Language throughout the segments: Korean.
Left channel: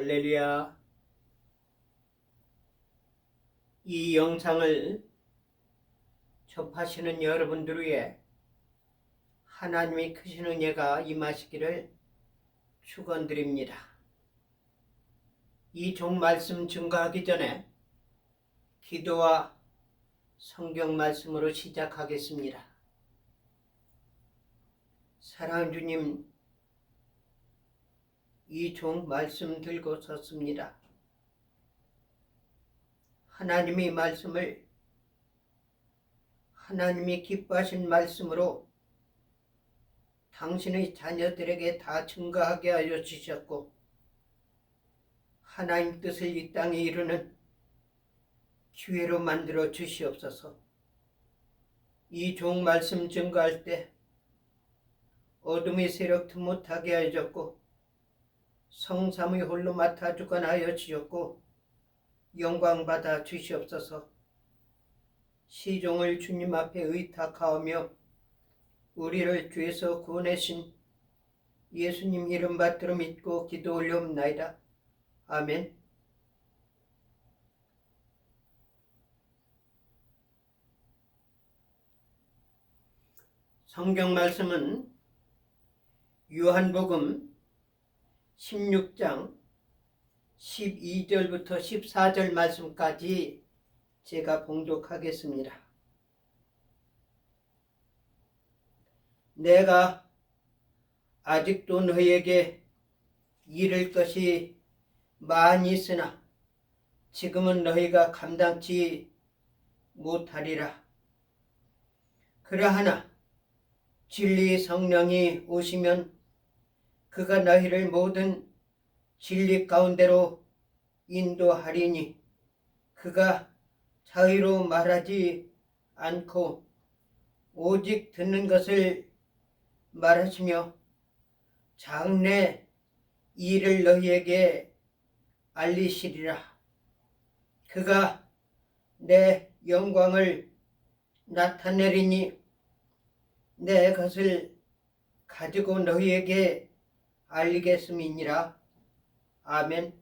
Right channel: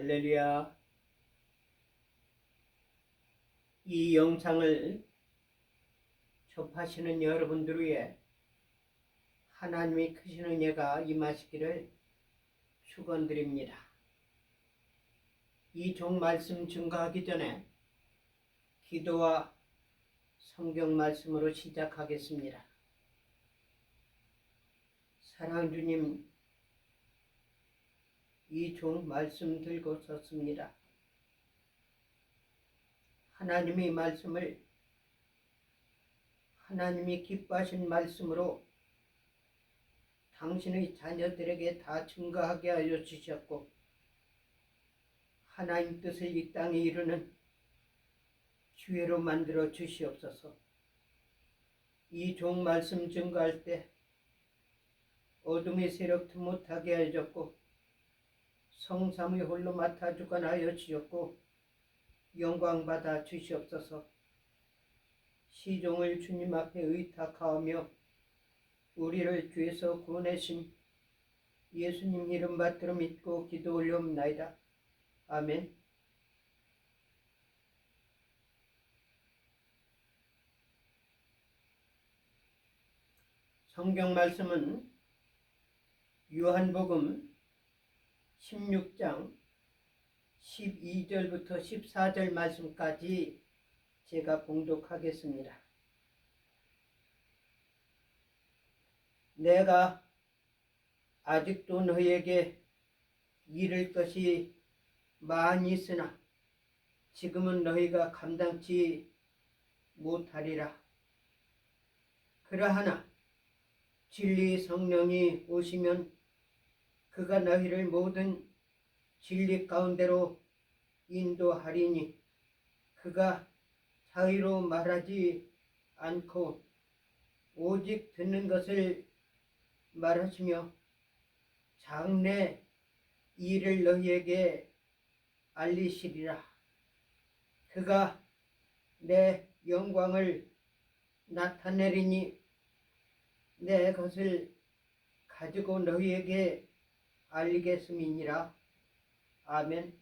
할렐루야. 이 영상을 접하시는 여러분들 위해 하나님의 크신 은혜가 임하시기를 축원드립니다. 이 종 말씀 증거하기 전에 기도와 성경 말씀으로 시작하겠습니다. 사랑하는 주님, 이 종 말씀 들고 섰습니다. 하나님의 말씀을 하나님이 기뻐하신 말씀으로 당신의 자녀들에게 다 증거하게 하여 주셨고, 하나님 뜻을 이 땅에 이루는 기회로 만들어 주시옵소서. 이 종 말씀 증거할 때 어둠의 세력도 못하게 하여 줬고, 성삼의 홀로 맡아 주관 하여 주셨고, 영광 받아 주시옵소서. 시종을 주님 앞에 의탁하오며 우리를 죄에서 구원하신 예수님 이름 받들어 믿고 기도 올려옵나이다. 아멘. 성경 말씀은 요한복음 16장 12절부터 14절 말씀까지 제가 봉독하겠습니다. 내가 아직도 너희에게 이를 것이 많이 있으나 지금은 너희가 감당치 못하리라. 그러하나 진리의 성령이 오시면 그가 너희를 모든 진리 가운데로 인도하리니 그가 자의로 말하지 않고 오직 듣는 것을 말하시며 장래 일을 너희에게 알리시리라. 그가 내 영광을 나타내리니 내 것을 가지고 너희에게 알리겠음이니라. 아멘.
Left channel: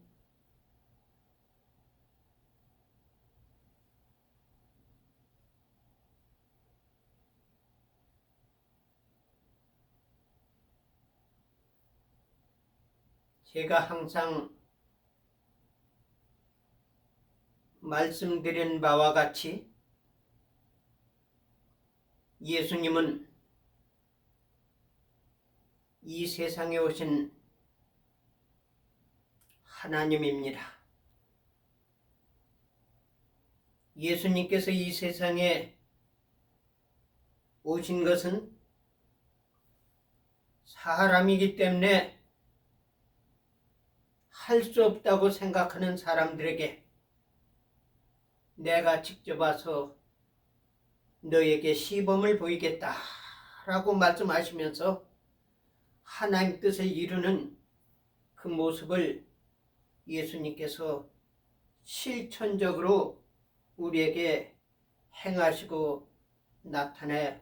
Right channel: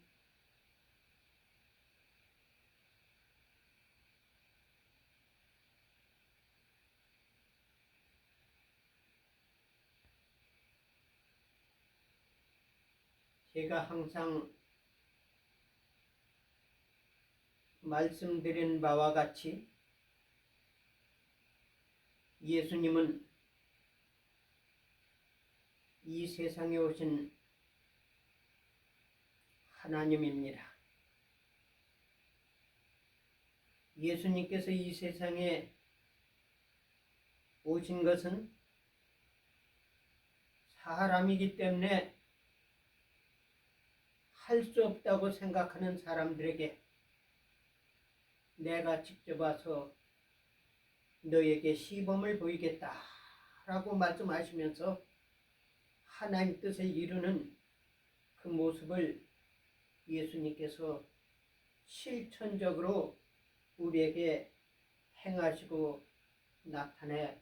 제가 항상 말씀드린 바와 같이 예수님은 이 세상에 오신 하나님입니다. 예수님께서 이 세상에 오신 것은 사람이기 때문에 할 수 없다고 생각하는 사람들에게 내가 직접 와서 너에게 시범을 보이겠다라고 말씀하시면서 하나님 뜻을 이루는 그 모습을 예수님께서 실천적으로 우리에게 행하시고 나타내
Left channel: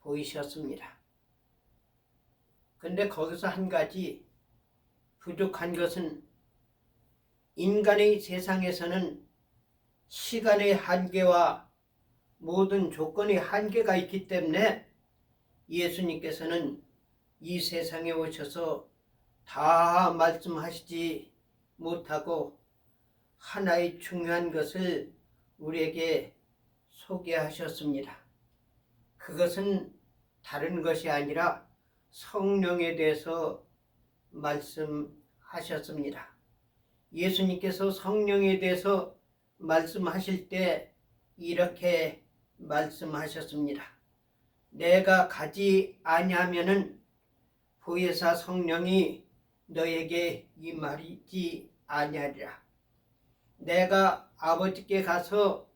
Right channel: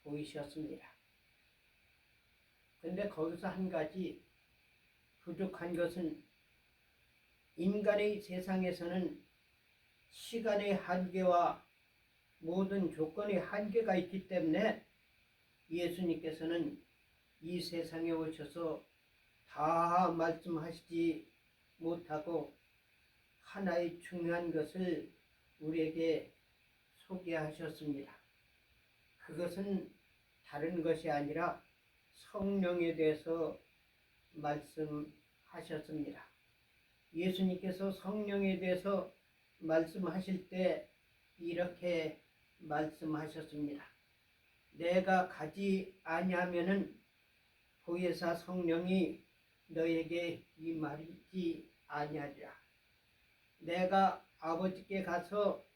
보이셨습니다. 그런데 거기서 한 가지 부족한 것은 인간의 세상에서는 시간의 한계와 모든 조건의 한계가 있기 때문에 예수님께서는 이 세상에 오셔서 다 말씀하시지 못하고 하나의 중요한 것을 우리에게 소개하셨습니다. 그것은 다른 것이 아니라 성령에 대해서 말씀하셨습니다. 예수님께서 성령에 대해서 말씀하실 때 이렇게 말씀하셨습니다. 내가 가지 아니하면은 보혜사 성령이 너에게 임하리지 아니하리라. 내가 아버지께 가서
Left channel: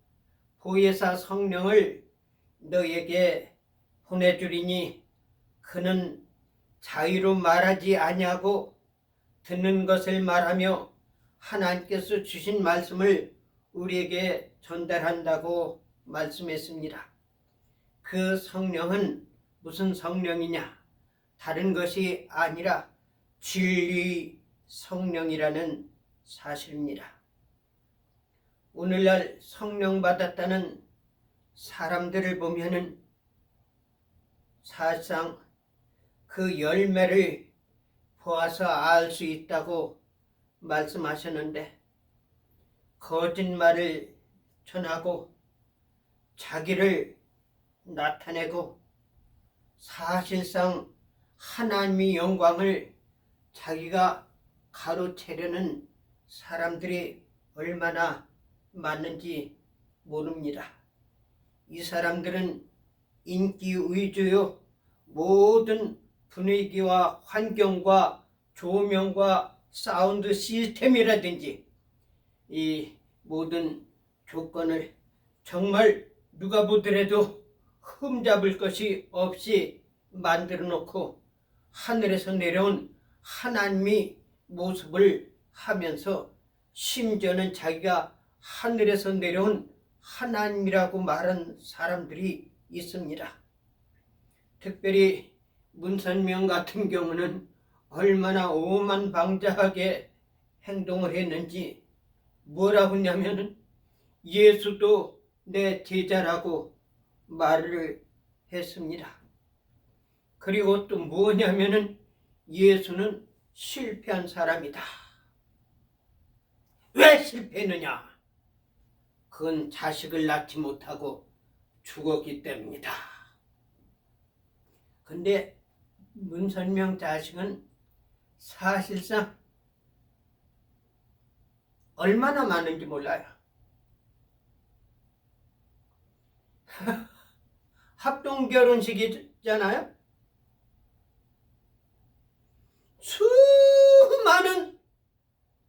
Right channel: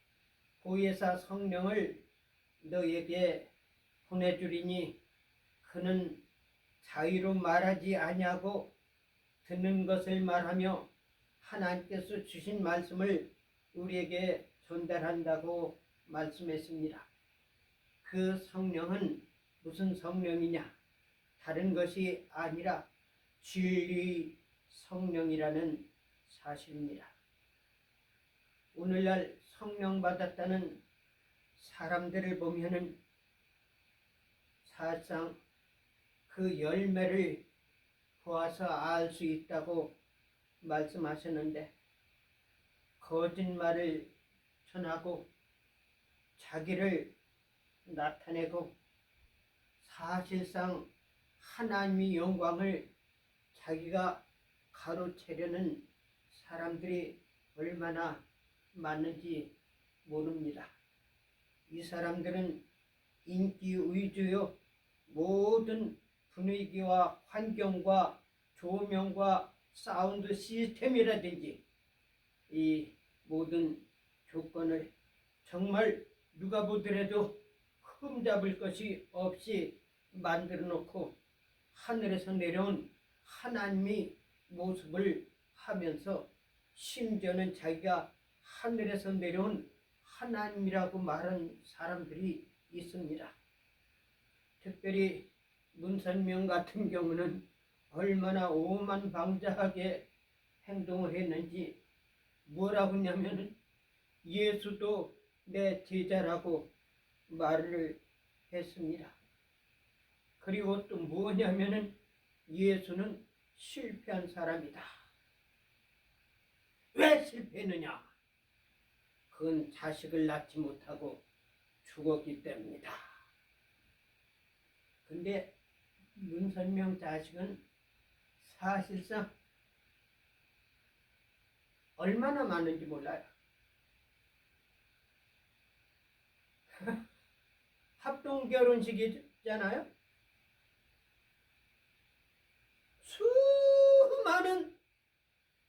보혜사 성령을 너에게 보내주리니 그는 자의로 말하지 아니하고 듣는 것을 말하며 하나님께서 주신 말씀을 우리에게 전달한다고 말씀했습니다. 그 성령은 무슨 성령이냐? 다른 것이 아니라 진리 성령이라는 사실입니다. 오늘날 성령 받았다는 사람들을 보면은 사실상 그 열매를 보아서 알 수 있다고 말씀하셨는데, 거짓말을 전하고 자기를 나타내고 사실상 하나님의 영광을 자기가 가로채려는 사람들이 얼마나 많은지 모릅니다. 이 사람들은 인기 위주요, 모든 분위기와 환경과 조명과 사운드 시스템이라든지 이 모든 조건을 정말 누가 보더라도 흠잡을 것이 없이 만들어 놓고 하늘에서 내려온 하나님의 모습을 하면서 심지어는 자기가 하늘에서 내려온 하나님이라고 말한 사람들이 있습니다. 특별히 문선명 같은 경우는 얼마나 오만방자하게 행동을 했는지, 뭐라고 하냐면은 예수도 내 제자라고 말을 했습니다. 그리고 또 뭐냐면은 예수는 실패한 사람이다. 왜 실패했느냐? 그건 자식을 낳지 못하고 죽었기 때문이다. 근데 문선명 자식은 사실상 얼마나 많은지 몰라요. 합동 결혼식이잖아요. 수많은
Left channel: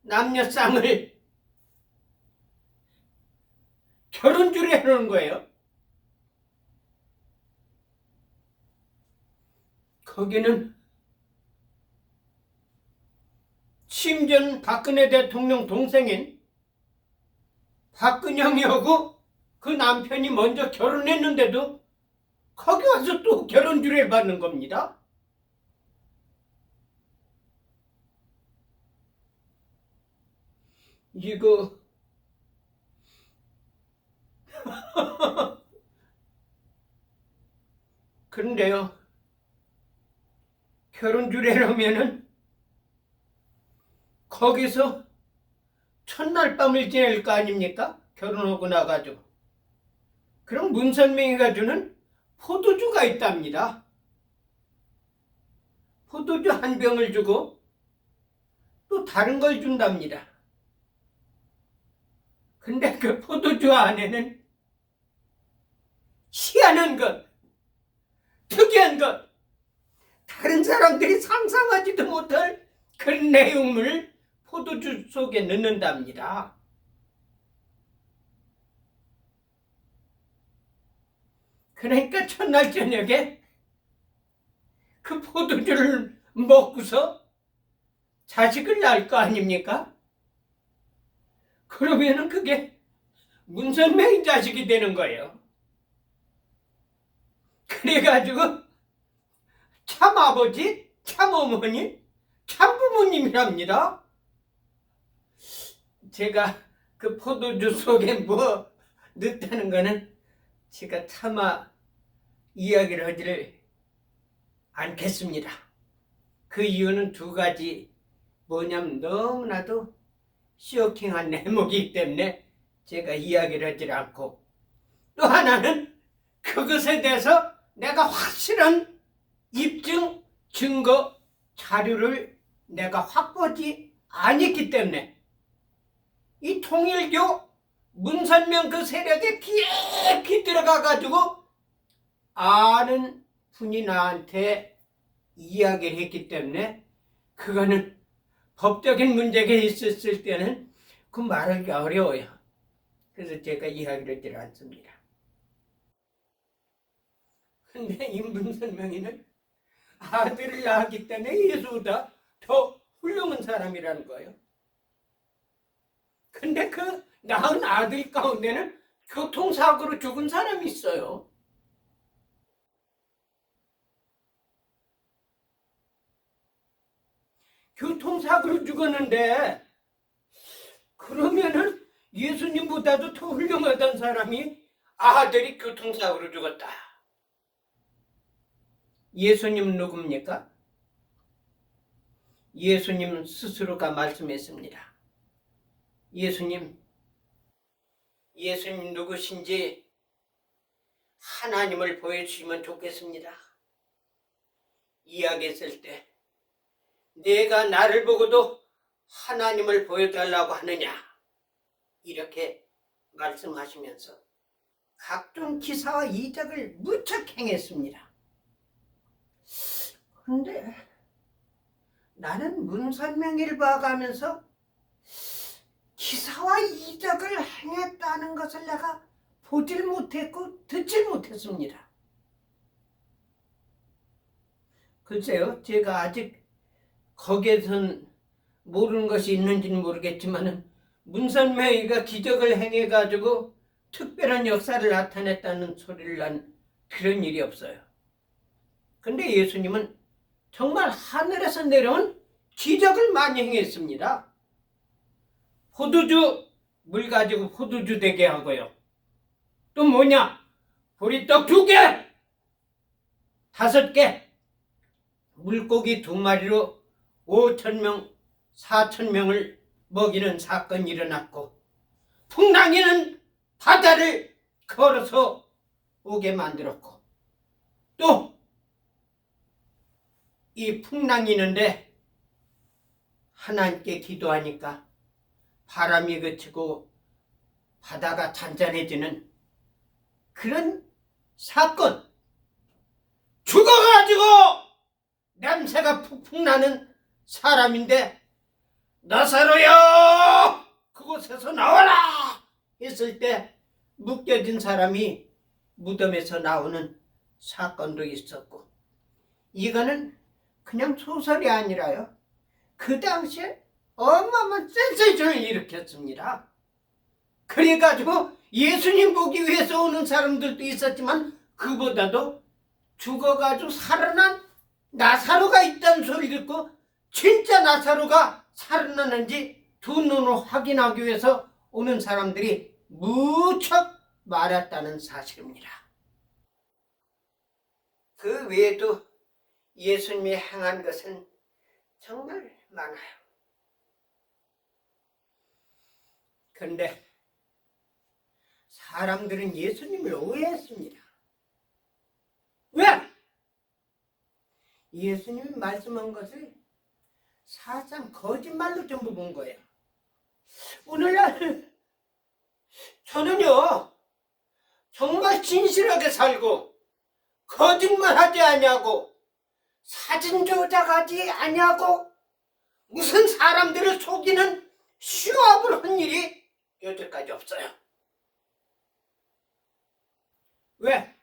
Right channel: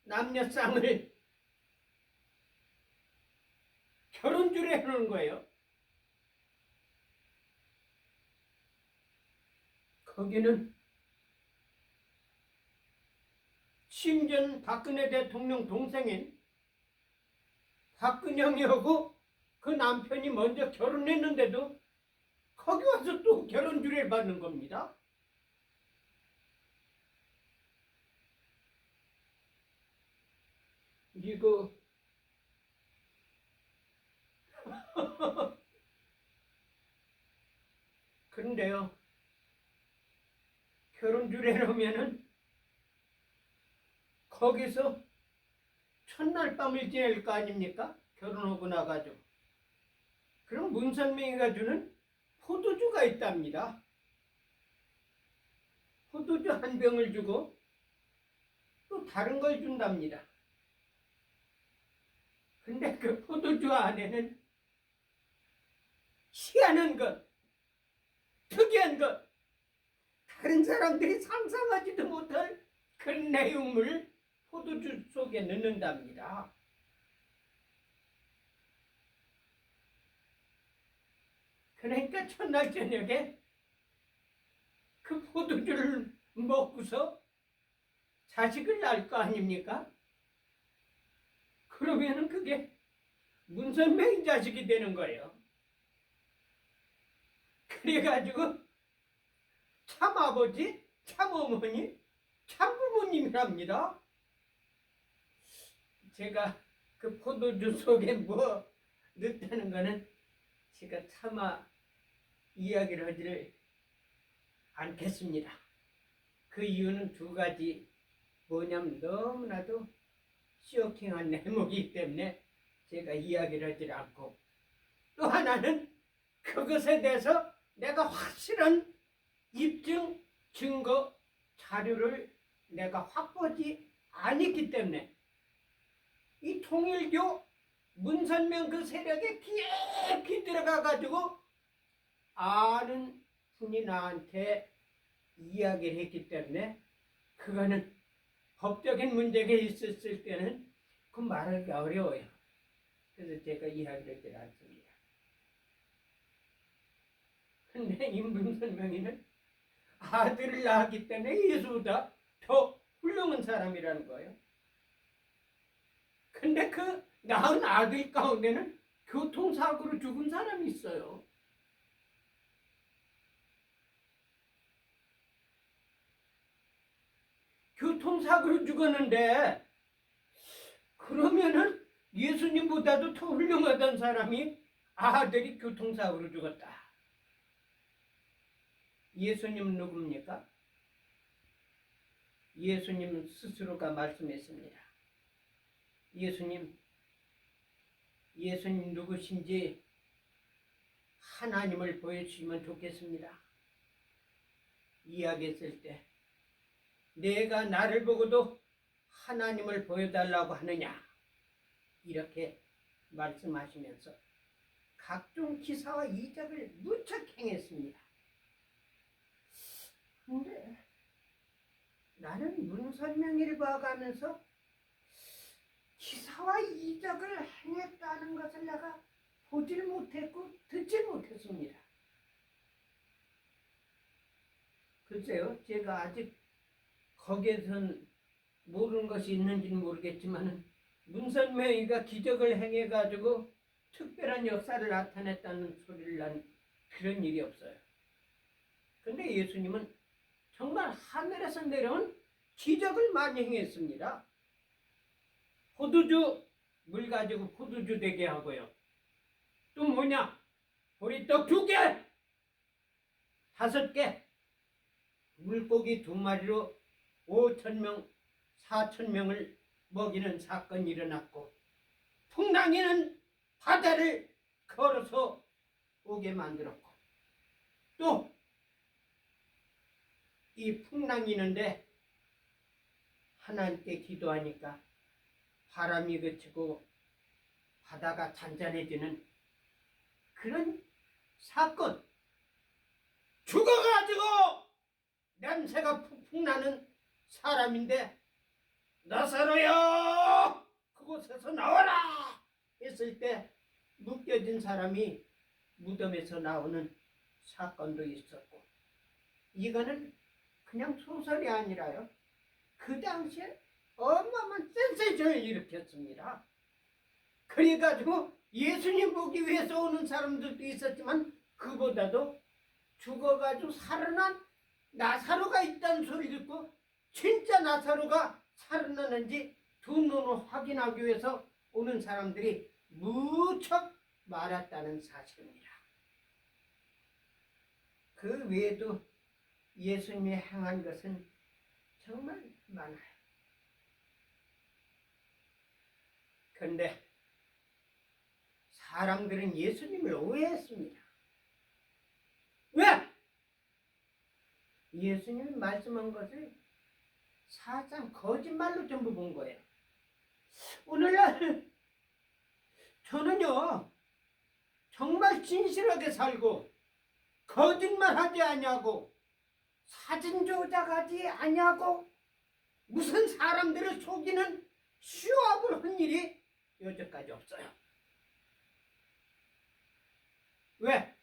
남녀 쌍을 결혼주례 해놓은 거예요. 거기는 심지어 박근혜 대통령 동생인 박근영이하고 그 남편이 먼저 결혼했는데도 거기 와서 또 결혼주례를 받는 겁니다. 이거 그런데요, 결혼주례라면은 거기서 첫날 밤을 지낼 거 아닙니까? 결혼하고 나가지고. 그럼 문선명이가 주는 포도주가 있답니다. 포도주 한 병을 주고 또 다른 걸 준답니다. 근데 그 포도주 안에는 희한한 것, 특이한 것, 다른 사람들이 상상하지도 못할 그런 내용을 포도주 속에 넣는답니다. 그러니까 첫날 저녁에 그 포도주를 먹고서 자식을 낳을 거 아닙니까? 그러면은 그게 문선명의 자식이 되는 거예요. 그래가지고 참 아버지, 참 어머니, 참 부모님이랍니다. 제가 그 포도주 속에 뭐 넣었다는 거는 제가 차마 이야기를 하지를 않겠습니다. 그 이유는 두 가지. 뭐냐면 너무나도 쇼킹한 내용이기 때문에 제가 이야기를 하지 않고, 또 하나는 그것에 대해서 내가 확실한 입증, 증거, 자료를 내가 확보하지 않았기 때문에 이 통일교 문선명 그 세력에 깊이 들어가가지고 아는 분이 나한테 이야기를 했기 때문에 그거는 법적인 문제가 있었을 때는 그 말하기 어려워요. 그래서 제가 이야기를 하지 않습니다. 근데 이 문선명이는 아들을 낳았기 때문에 예수보다 더 훌륭한 사람이라는 거예요. 근데 그 낳은 아들 가운데는 교통사고로 죽은 사람이 있어요. 교통사고로 죽었는데 그러면은 예수님보다도 더 훌륭하던 사람이 아들이 교통사고로 죽었다. 예수님 누굽니까? 예수님 스스로가 말씀했습니다. 예수님 누구신지 하나님을 보여주시면 좋겠습니다. 이야기했을 때 내가 나를 보고도 하나님을 보여달라고 하느냐 이렇게 말씀하시면서 각종 기사와 이적을 무척 행했습니다. 그런데 나는 문선명이를 봐가면서 기사와 이적을 행했다는 것을 내가 보질 못했고 듣질 못했습니다. 글쎄요, 제가 아직 거기에선 모르는 것이 있는지는 모르겠지만 문선명이가 기적을 행해가지고 특별한 역사를 나타냈다는 소리를 난 그런 일이 없어요. 근데 예수님은 정말 하늘에서 내려온 기적을 많이 행했습니다. 포도주 물 가지고 포도주 되게 하고요. 또 뭐냐? 보리떡 2개, 5개, 물고기 2마리로 5,000명, 4,000명을 먹이는 사건이 일어났고 풍랑이는 바다를 걸어서 오게 만들었고 또 이 풍랑이 있는데 하나님께 기도하니까 바람이 그치고 바다가 잔잔해지는 그런 사건, 죽어가지고 냄새가 푹푹 나는 사람인데 나사로야 그곳에서 나와라 했을 때 묶여진 사람이 무덤에서 나오는 사건도 있었고 이거는 그냥 소설이 아니라요. 그 당시에 어마어마한 센세이션을 일으켰습니다. 그래가지고 예수님 보기 위해서 오는 사람들도 있었지만 그보다도 죽어가지고 살아난 나사로가 있다는 소리 듣고 진짜 나사로가 살아나는지 두 눈으로 확인하기 위해서 오는 사람들이 무척 많았다는 사실입니다. 그 외에도 예수님이 행한 것은 정말 많아요. 그런데 사람들은 예수님을 오해했습니다. 왜? 예수님이 말씀한 것을 사실상 거짓말로 전부 본 거예요. 오늘날 저는요 정말 진실하게 살고 거짓말하지 아니하고 사진 조작하지 아니하고 무슨 사람들을 속이는 시합을 한 일이 여태까지 없어요. 왜?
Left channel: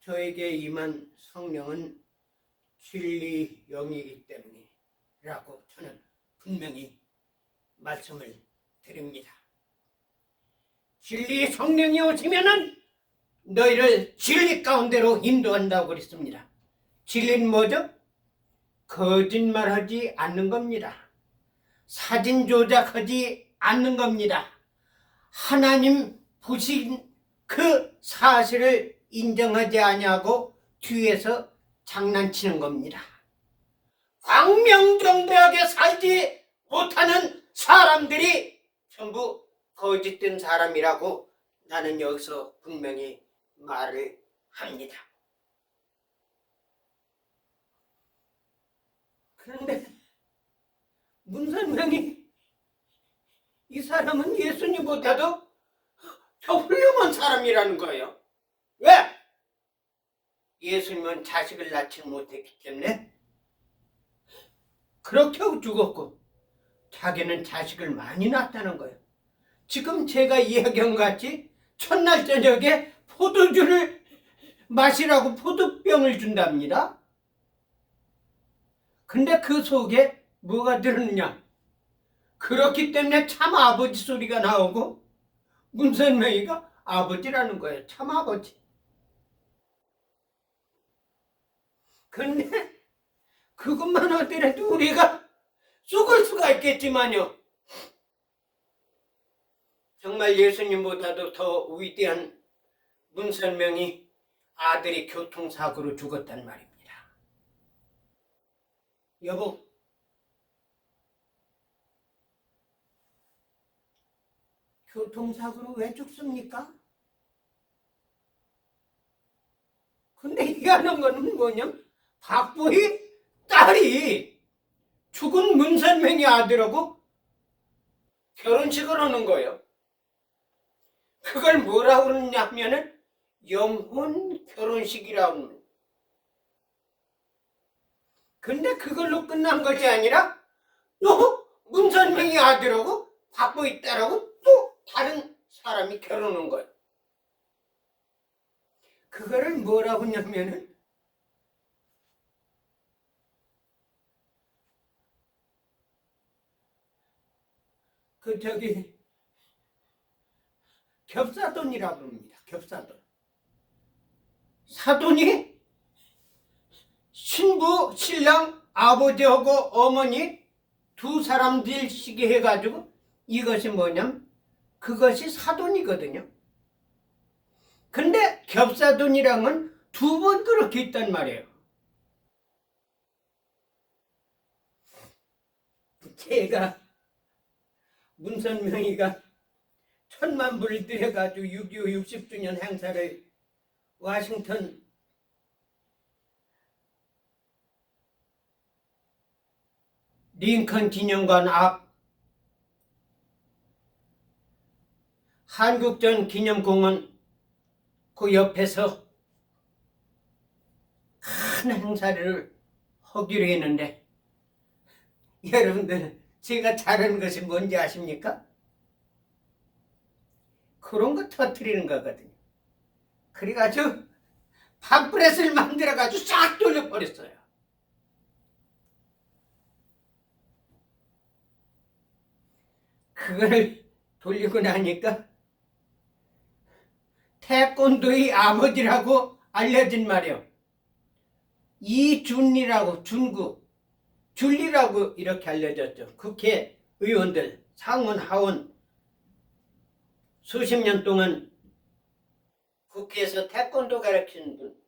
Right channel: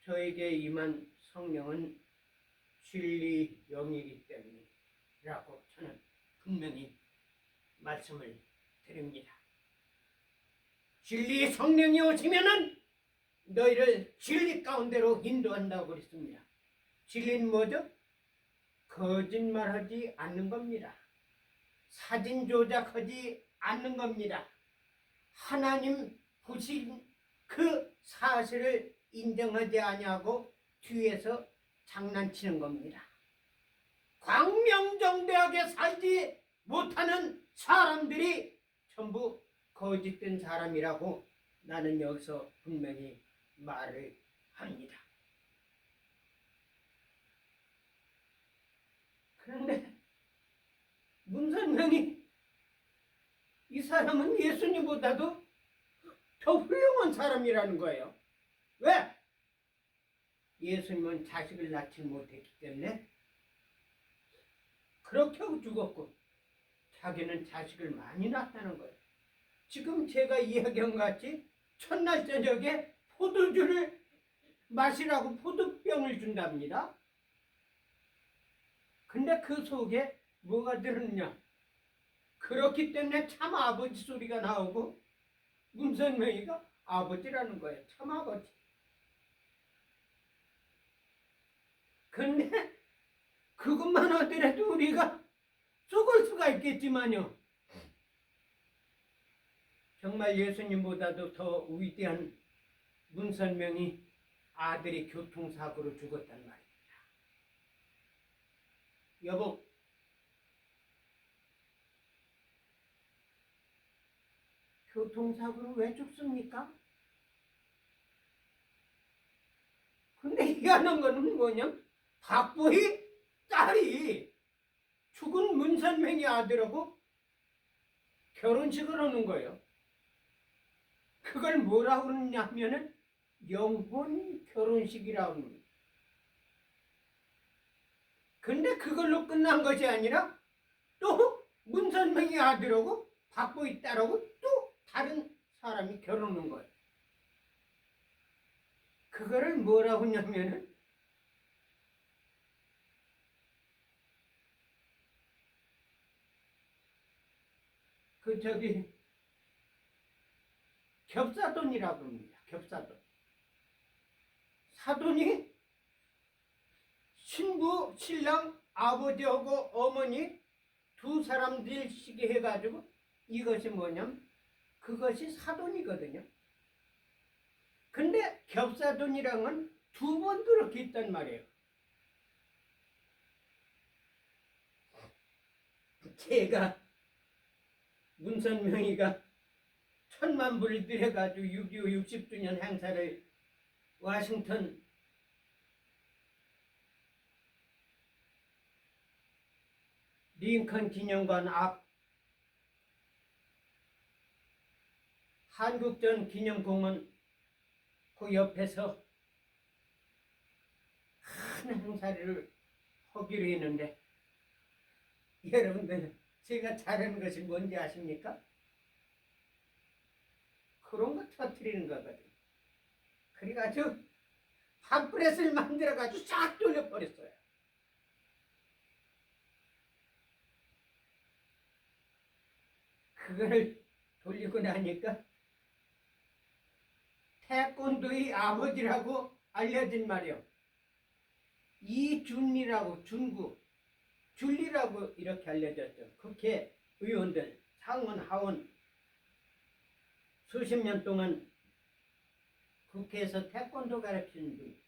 저에게 임한 성령은 진리 영이기 때문이라고 저는 분명히 말씀을 드립니다. 진리 성령이 오시면은 너희를 진리 가운데로 인도한다고 그랬습니다. 진리는 뭐죠? 거짓말하지 않는 겁니다. 사진 조작하지 않는 겁니다. 하나님 보신 그 사실을 인정하지 아니하고 뒤에서 장난치는 겁니다. 광명정대하게 살지 못하는 사람들이 전부 거짓된 사람이라고 나는 여기서 분명히 말을 합니다. 그런데 문선명이 이 사람은 예수님보다도 더 훌륭한 사람이라는 거예요. 왜? 예수님은 자식을 낳지 못했기 때문에 그렇게 하고 죽었고 자기는 자식을 많이 낳았다는 거예요. 지금 제가 이야기한 것 같이 첫날 저녁에 포도주를 마시라고 포도병을 준답니다. 근데 그 속에 뭐가 들었느냐? 그렇기 때문에 참 아버지 소리가 나오고 문선명이가 아버지라는 거예요. 참 아버지. 근데 그것만 하더라도 우리가 수가 있겠지만요. 정말 예수님보다도 더 위대한 문선명이 아들이 교통사고로 죽었단 말입니다. 여보, 교통사고로 왜 죽습니까? 근데 희한한 거는 뭐냐? 박보희 딸이 죽은 문선명의 아들하고 결혼식을 하는 거예요. 그걸 뭐라고 그러냐면은 영혼 결혼식이라고 합니다. 근데 그걸로 끝난 것이 아니라 또 문선명의 아들하고 박보희 딸하고 또 다른 사람이 결혼한 거예요. 그거를 뭐라고 하냐면은 겹사돈이라고 합니다. 겹사돈. 사돈이 신부, 신랑, 아버지하고 어머니 두 사람들씩 해가지고 이것이 뭐냐면 그것이 사돈이거든요. 근데 겹사돈이랑은 두 번 그렇게 있단 말이에요. 제가 문선명이가 1,000만 불을 들여가지고 6.25 60주년 행사를 워싱턴 링컨 기념관 앞 한국전 기념공원 그 옆에서 큰 행사를 하기로 했는데 여러분들 제가 잘하는 것이 뭔지 아십니까? 그런 거 터뜨리는 거거든요. 그래가지고 팜프렛을 만들어가지고 싹 돌려버렸어요. 그걸 돌리고 나니까 태권도의 아버지라고 알려진 말이요. 이준리라고 줄리라고 이렇게 알려졌죠. 국회의원들, 상원, 하원 수십 년 동안 국회에서 태권도 가르치는 분.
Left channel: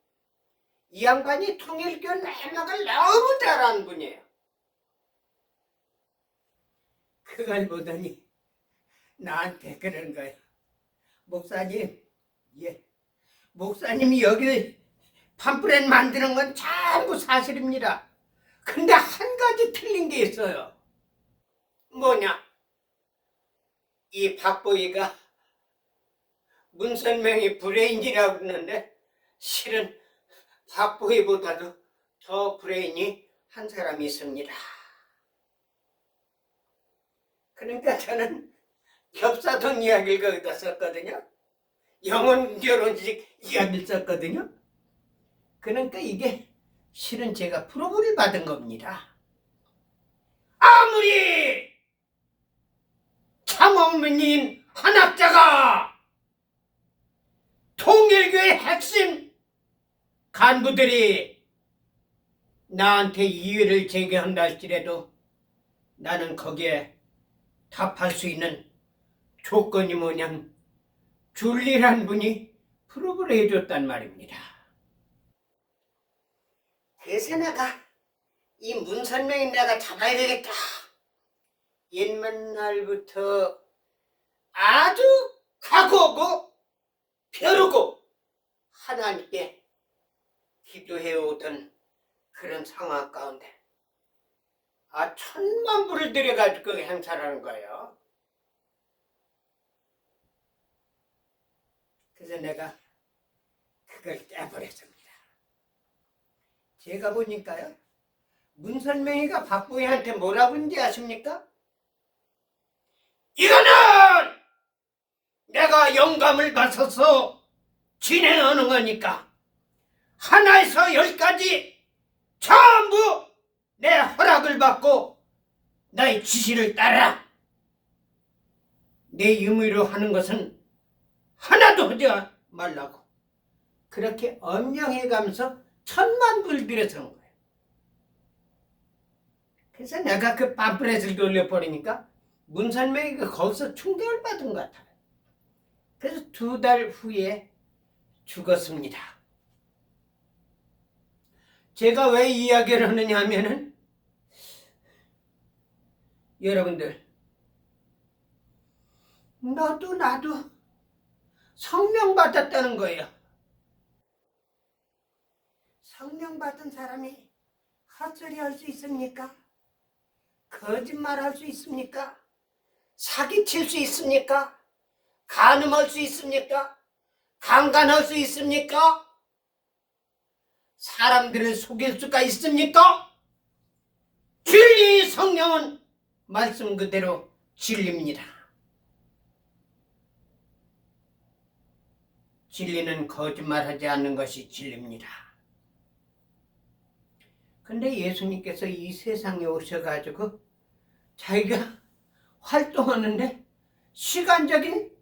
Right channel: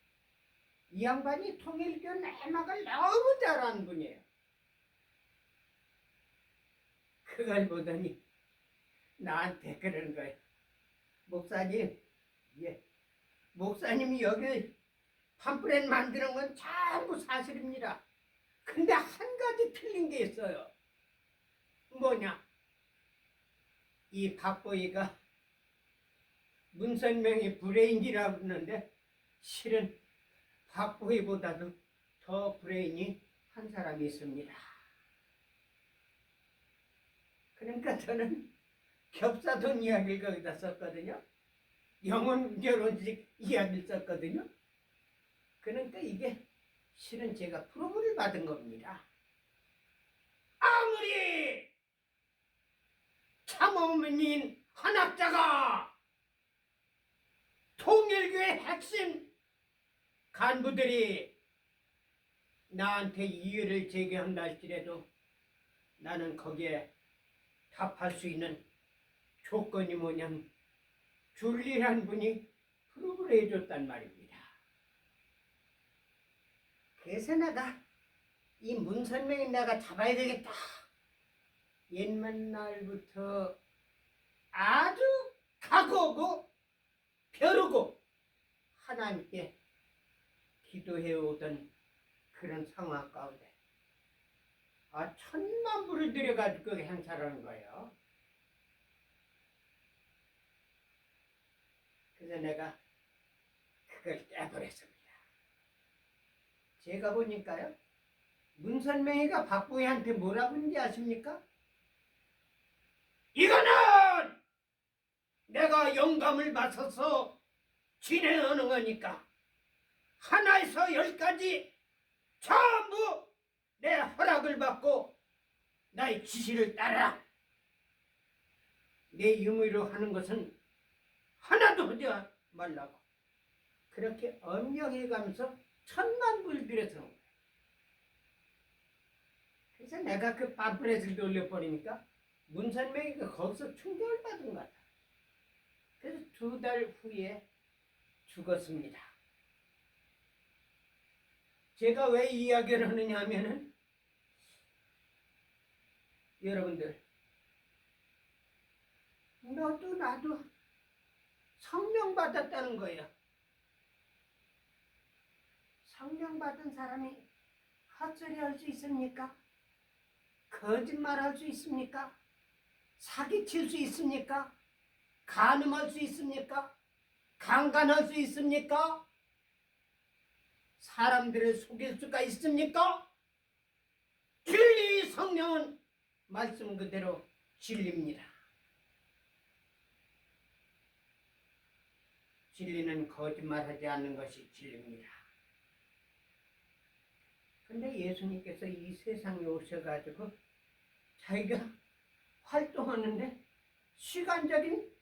이 양반이 통일교 내막을 너무 잘하는 분이에요. 그걸 보더니 나한테 그러는 거예요. 목사님, 목사님이 여기 팜프렛 만드는 건 전부 사실입니다. 근데 한 가지 틀린 게 있어요. 뭐냐? 이 박보희가 문선명이 브레인이라고 그러는데 실은 박보희보다도 더 브레인이 한 사람이 있습니다. 그러니까 저는 겹사돈 이야기를 거기다 썼거든요. 영혼 결혼식 이야기를 썼거든요. 그러니까 이게 실은 제가 프로브를 받은 겁니다. 아무리 참어머니인 한학자가 통일교의 핵심 간부들이 나한테 이의를 제기한다 할지라도 나는 거기에 답할 수 있는 조건이 뭐냐면 줄리란 분이 프로브를 해줬단 말입니다. 그래서 내가 이 문선명이 내가 잡아야 되겠다. 옛날부터 아주 각오하고 벼르고 하나님께 기도해오던 그런 상황 가운데 1,000만 불을 들여가지고 행사를 하는 거예요. 그래서 내가 그걸 떼버렸습니다. 제가 보니까요, 문선명이가 박보희한테 뭐라고 했는지 아십니까? 이거는 내가 영감을 받아서 진행하는 거니까 하나에서 10까지 전부 내 허락을 받고 나의 지시를 따라. 내 임의로 하는 것은 하나도 하지 말라고. 그렇게 엄령해가면서 1,000만 불 들여서 한 거예요. 그래서 내가 그 팜플렛을 돌려버리니까 문선명이 거기서 충격을 받은 것 같아요. 그래서 2달 후에 죽었습니다. 제가 왜 이야기를 하느냐 하면은 여러분들, 너도 나도 성령 받았다는 거예요. 성령 받은 사람이 헛소리 할 수 있습니까? 거짓말 할 수 있습니까? 사기칠 수 있습니까? 간음할 수 있습니까? 강간할 수 있습니까? 사람들을 속일 수가 있습니까? 진리 성령은 말씀 그대로 진리입니다. 진리는 거짓말하지 않는 것이 진리입니다. 근데 예수님께서 이 세상에 오셔가지고 자기가 활동하는데 시간적인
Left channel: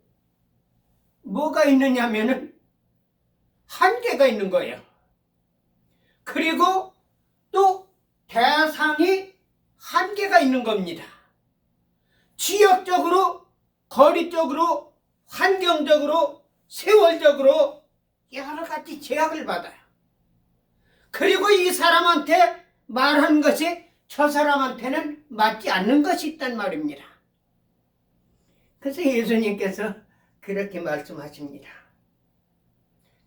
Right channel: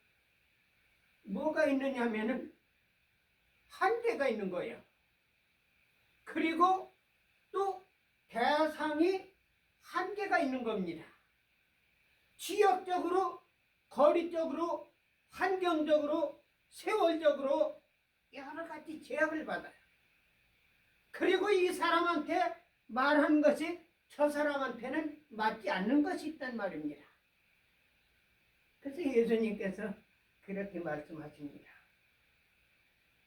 뭐가 있느냐면은 한계가 있는 거예요. 그리고 또 대상이 한계가 있는 겁니다. 지역적으로, 거리적으로, 환경적으로, 세월적으로 여러 가지 제약을 받아요. 그리고 이 사람한테 말한 것이 저 사람한테는 맞지 않는 것이 있단 말입니다. 그래서 예수님께서 그렇게 말씀하십니다.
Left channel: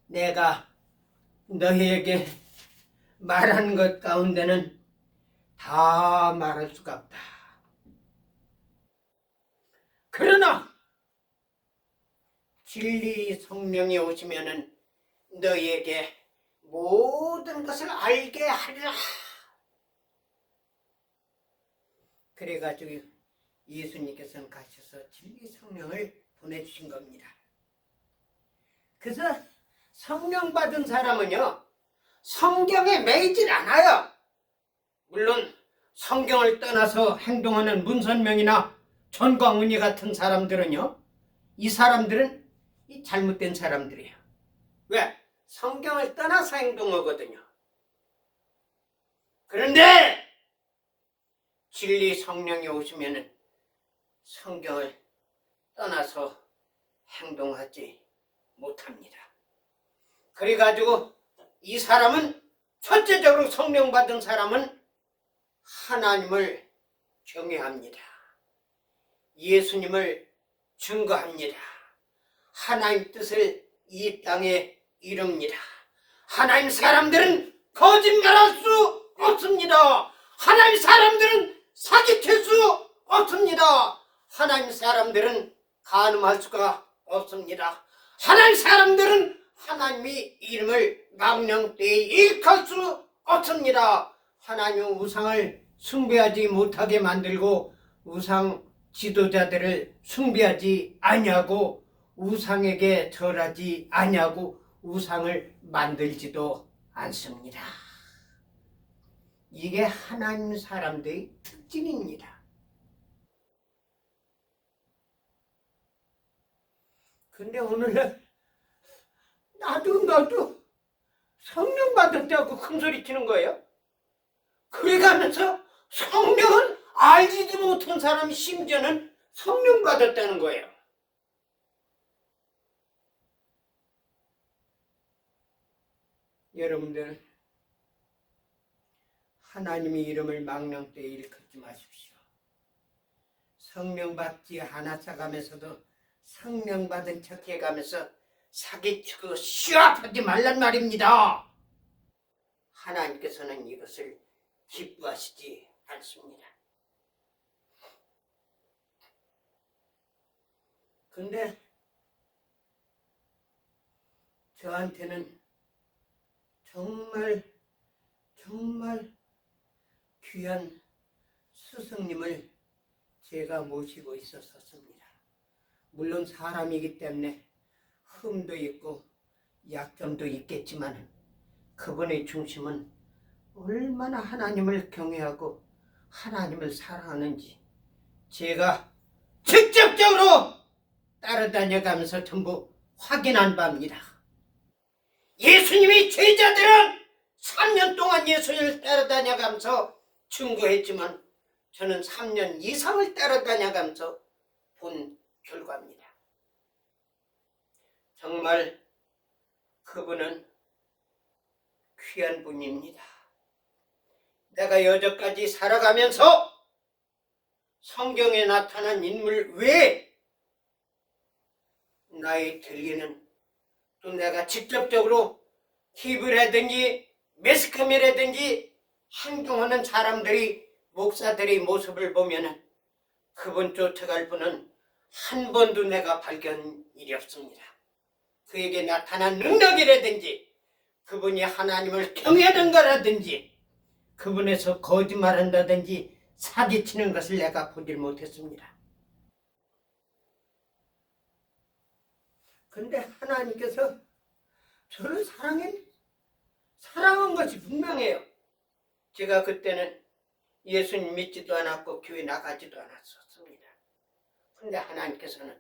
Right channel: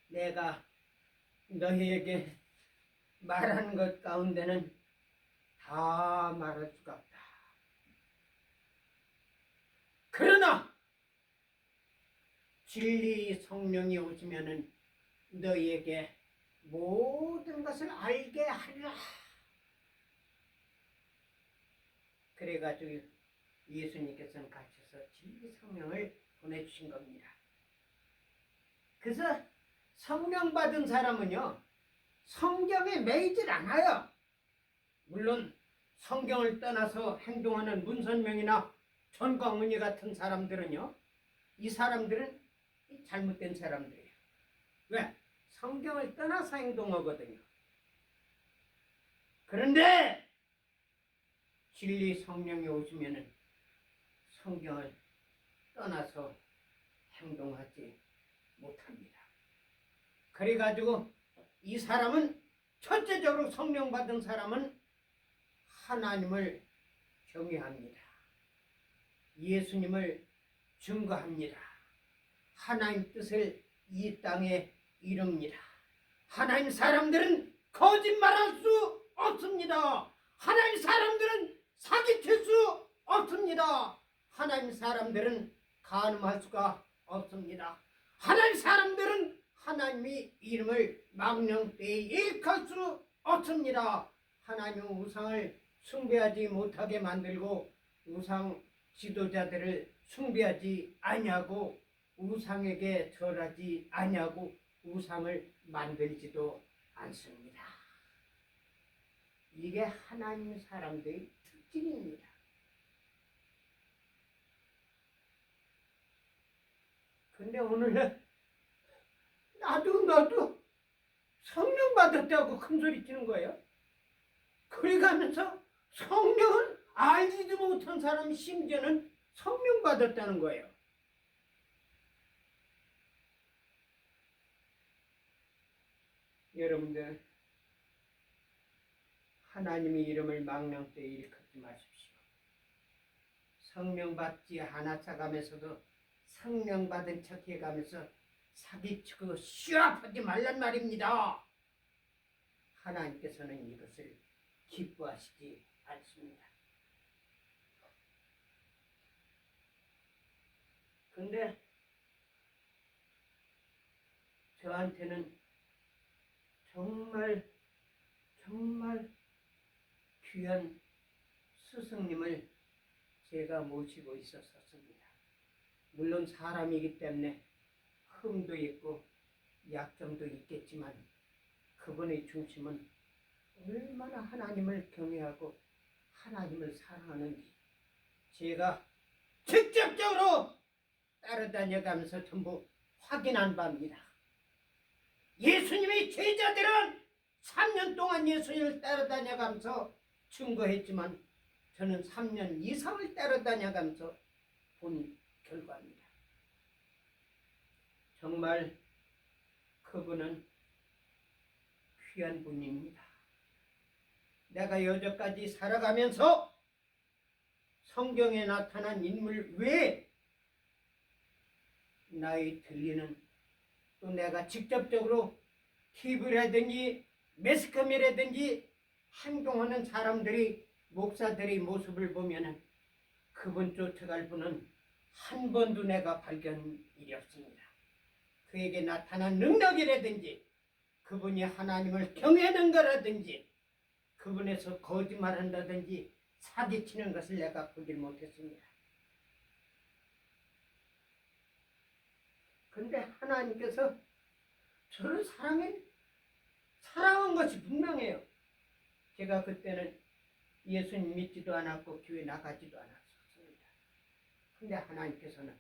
내가 너희에게 말한 것 가운데는 다 말할 수가 없다. 그러나 진리 성령이 오시면은 너희에게 모든 것을 알게 하리라. 그래가지고 예수님께서는 가셔서 진리 성령을 보내주신 겁니다. 그래서 성령 받은 사람은요, 성경에 매이질 않아요. 물론 성경을 떠나서 행동하는 문선명이나 전광훈이 같은 사람들은요, 이 사람들은 잘못된 사람들이에요. 왜? 성경을 떠나서 행동하거든요. 그런데 진리 성령이 오시면은 성경을 떠나서 행동하지 못합니다. 그래가지고 이 사람은 첫째적으로 성령 받은 사람은 하나님을 경외합니다. 예수님을 증거합니다. 하나님 뜻을 이 땅에 이룹니다. 하나님 사람들은 거짓말할 수 없습니다. 하나님 사람들은 사기칠 수 없습니다. 하나님 사람들은 간음할 수가 없습니다. 하나님 사람들은 하나님의 이름을 망령되이 일컬 수 없습니다. 하나님의 우상을 숭배하지 못하게 만들고 우상 지도자들을 숭배하지 아니하고 우상에게 절하지 아니하고 우상을 만들지도 않습니다. 이게 하나님 사람들의 특징입니다. 근데 오늘날 나도 성령 받았다고 큰소리 치는 거예요. 그래가면서 성령은 알지도 못한 사람이 심지어는 성령 받았다는 거예요. 여러분들, 하나님의 이름을 망령되이 일컫지 마십시오. 성령 받지 않았어가면서도 성령 받은 척 해가면서 사기치고 시합하지 말란 말입니다. 하나님께서는 이것을 기뻐하시지 않습니다. 근데 저한테는 정말 귀한 스승님을 제가 모시고 있었습니다. 물론 사람이기 때문에 흠도 있고 약점도 있겠지만 그분의 중심은 얼마나 하나님을 경외하고 하나님을 사랑하는지 제가 직접적으로 따라다녀가면서 전부 확인한 바입니다. 예수님이 제자들은 3년 동안 예수님을 따라다녀가면서 증거했지만 저는 3년 이상을 따라다녀가면서 본 결과입니다. 정말 그분은 귀한 분입니다. 내가 여태까지 살아가면서 성경에 나타난 인물 외에 나의 들리는, 또 내가 직접적으로 TV라든지 매스컴이라든지 행동하는 사람들이, 목사들의 모습을 보면은 그분 쫓아갈 분은 한 번도 내가 발견 일이 없습니다. 그에게 나타난 능력이라든지 그분이 하나님을 경외하는 거라든지 그분에서 거짓말한다든지 사기치는 것을 내가 보질 못했습니다. 그런데 하나님께서 저를 사랑한 것이 분명해요. 제가 그때는 예수님 믿지도 않았고 교회 나가지도 않았었습니다. 그런데 하나님께서는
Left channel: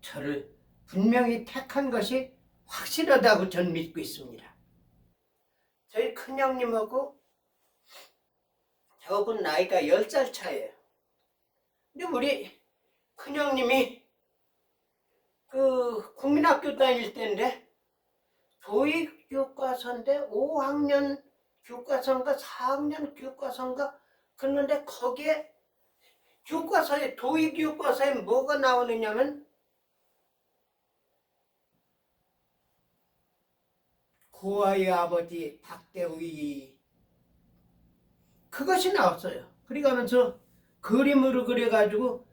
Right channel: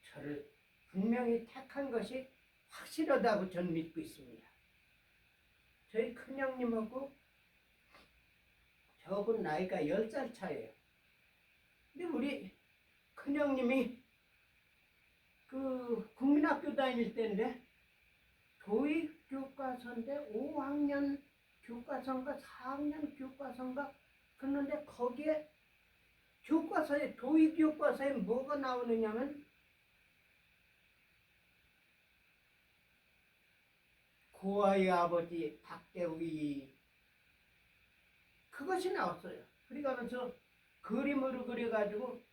저를 분명히 택한 것이 확실하다고 저는 믿고 있습니다. 저희 큰형님하고 저하고 나이가 10살 차이에요. 근데 우리 큰형님이 그 국민학교 다닐 때인데 교육 교과서인데 5학년 교과서인가 4학년 교과서인가 그런데 거기에 교과서에 도입 교과서에 뭐가 나오느냐면 고아의 아버지 박대우이 그것이 나왔어요. 그래가면서 그림으로 그려가지고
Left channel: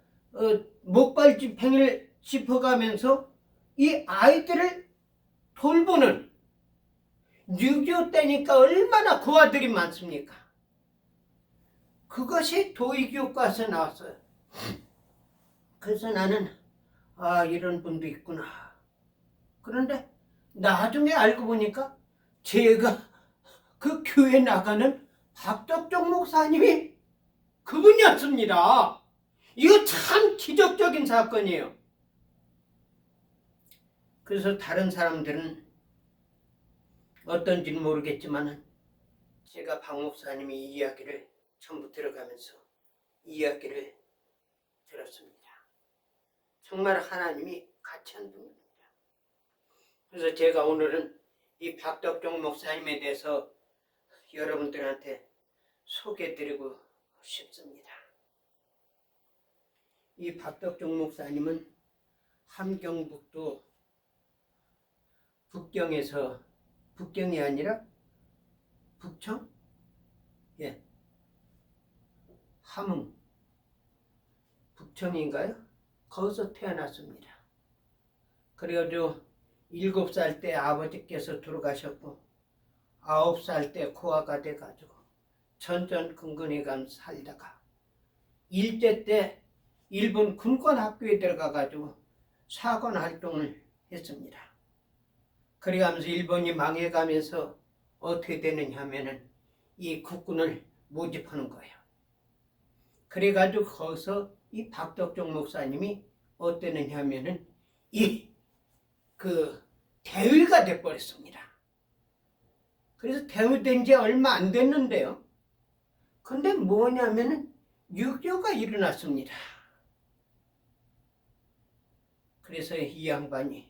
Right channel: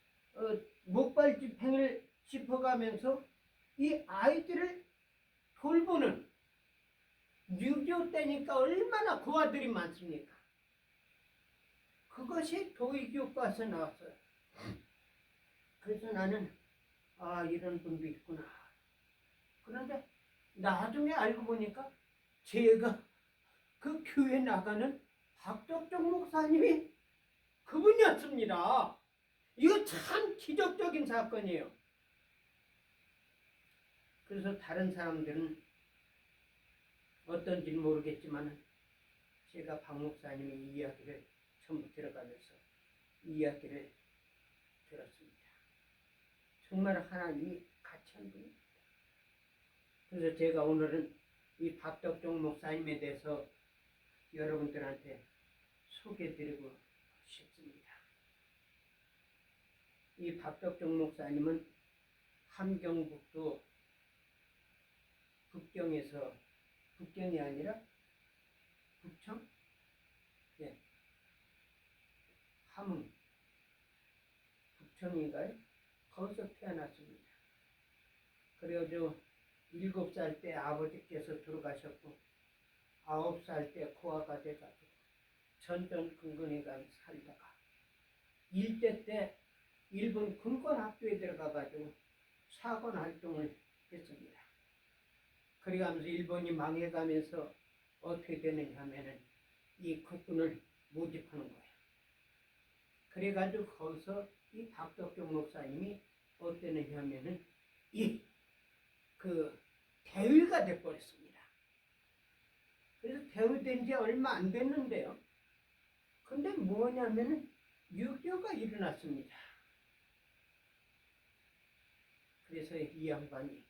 목발집행을 짚어가면서 이 아이들을 돌보는 6.25 때니까 얼마나 고아들이 많습니까? 그것이 도의교과서에 나왔어요. 그래서 나는 이런 분도 있구나. 그런데 나중에 알고 보니까 제가 그 교회 나가는 박덕종 목사님이 그분이었습니다. 이거 참 기적적인 사건이에요. 그래서 다른 사람들은 어떤지는 모르겠지만 제가 박 목사님이 이 이야기를 전부 들어가면서 이야기를 들었습니다. 정말 하나님이 가치한 분입니다. 그래서 제가 오늘은 이 박덕종 목사님에 대해서 여러분들한테 소개해드리고 싶습니다. 이 박덕종 목사님은 함경북도 북경에서, 북경이 아니라 북청? 예, 함흥 북청인가요? 거기서 태어났습니다. 그래가지고 7살 때 아버지께서 돌아가셨고 9살 때 고아가 돼가지고 전전긍긍해 가면서 살다가 일제 때 일본 군관학교에 들어가가지고 사관 활동을 했습니다. 그래가면서 일본이 망해가면서 어떻게 되느냐 하면은 이 국군을 모집하는 거예요. 그래가지고 거기서 이 박덕종 목사님이 어땠느냐 하면은 대위가 돼버렸습니다. 그래서 대위된 지 얼마 안 됐는데요. 근데 뭐냐면은 6.25가 일어났습니다. 그래서 이 양반이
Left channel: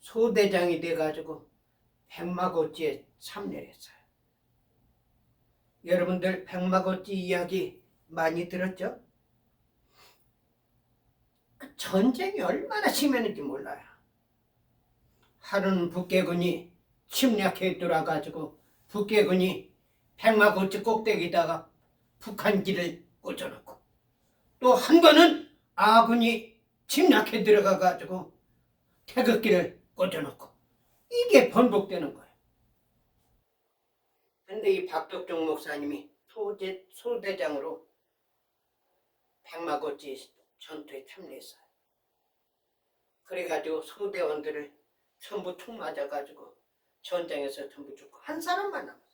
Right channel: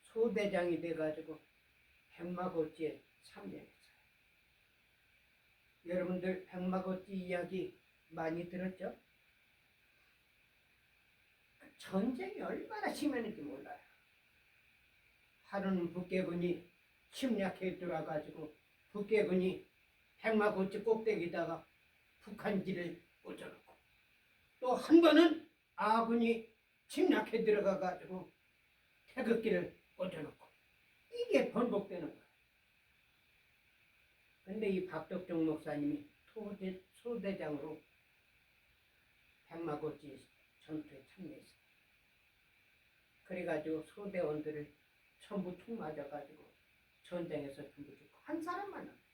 소대장이 돼가지고 백마고찌에 참여를 했어요. 여러분들 백마고찌 이야기 많이 들었죠? 그 전쟁이 얼마나 심했는지 몰라요. 하루는 북계군이 침략해 들어와가지고 북계군이 백마고찌 꼭대기에다가 북한기를 꽂아놓고 또 한 번은 아군이 침략해 들어가가지고 태극기를 꽂아놓고 이게 번복되는 거예요. 근데 이 박덕종 목사님이 소대장으로 백마고찌 전투에 참여했어요. 그래가지고 소대원들을 전부 툭 맞아가지고 전장에서 전부 죽고 한 사람만 남았어요.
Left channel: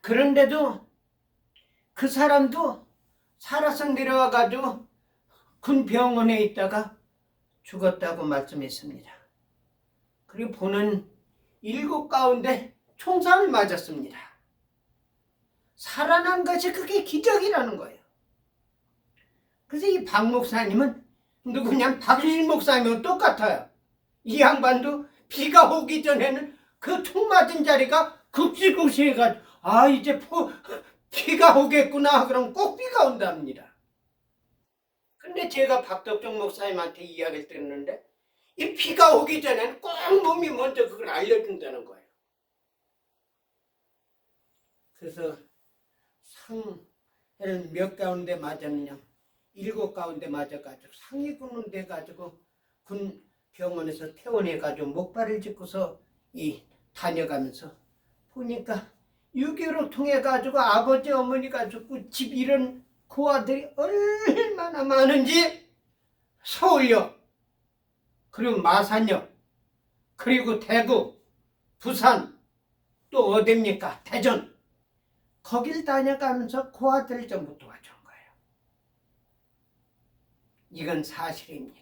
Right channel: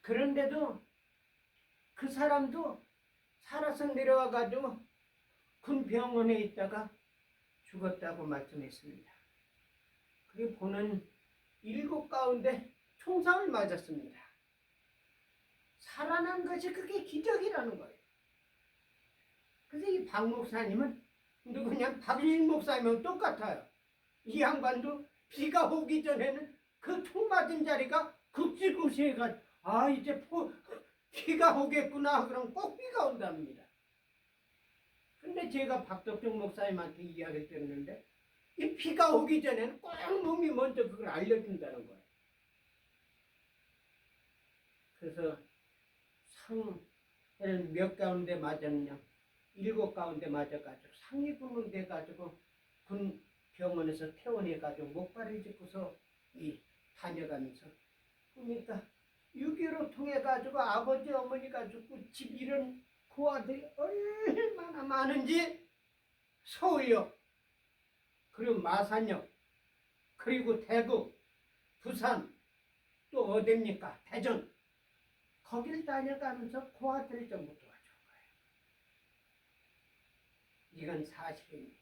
그런데도 그 사람도 살아서 내려와가지고 군 병원에 있다가 죽었다고 말씀했습니다. 그리고 보는 7 가운데 총상을 맞았습니다. 살아난 것이 그게 기적이라는 거예요. 그래서 이 박 목사님은 누구냐? 박유신 목사님하고 똑같아요. 이 양반도 비가 오기 전에는 그 총 맞은 자리가 급식급식해가지고 이제 비가 오겠구나 그럼 꼭 비가 온답니다. 근데 제가 박덕종 목사님한테 이야기를 들었는데 이 비가 오기 전에는 꼭 몸이 먼저 그걸 알려준다는 거예요. 그래서 상을 몇 가운데 맞았느냐? 7 가운데 맞아가지고 상이 굳는 데 가지고 군 병원에서 퇴원해가지고 목발을 짚고서 다녀가면서 보니까 6.25 통해가지고 아버지 어머니가 죽고 집 잃은 그 아들이 얼마나 많은지 서울역 그리고 마산역 그리고 대구 부산 또 어딥니까 대전 거길 다녀가면서 그 아들을 전부 도와준 거예요. 이건 사실입니다.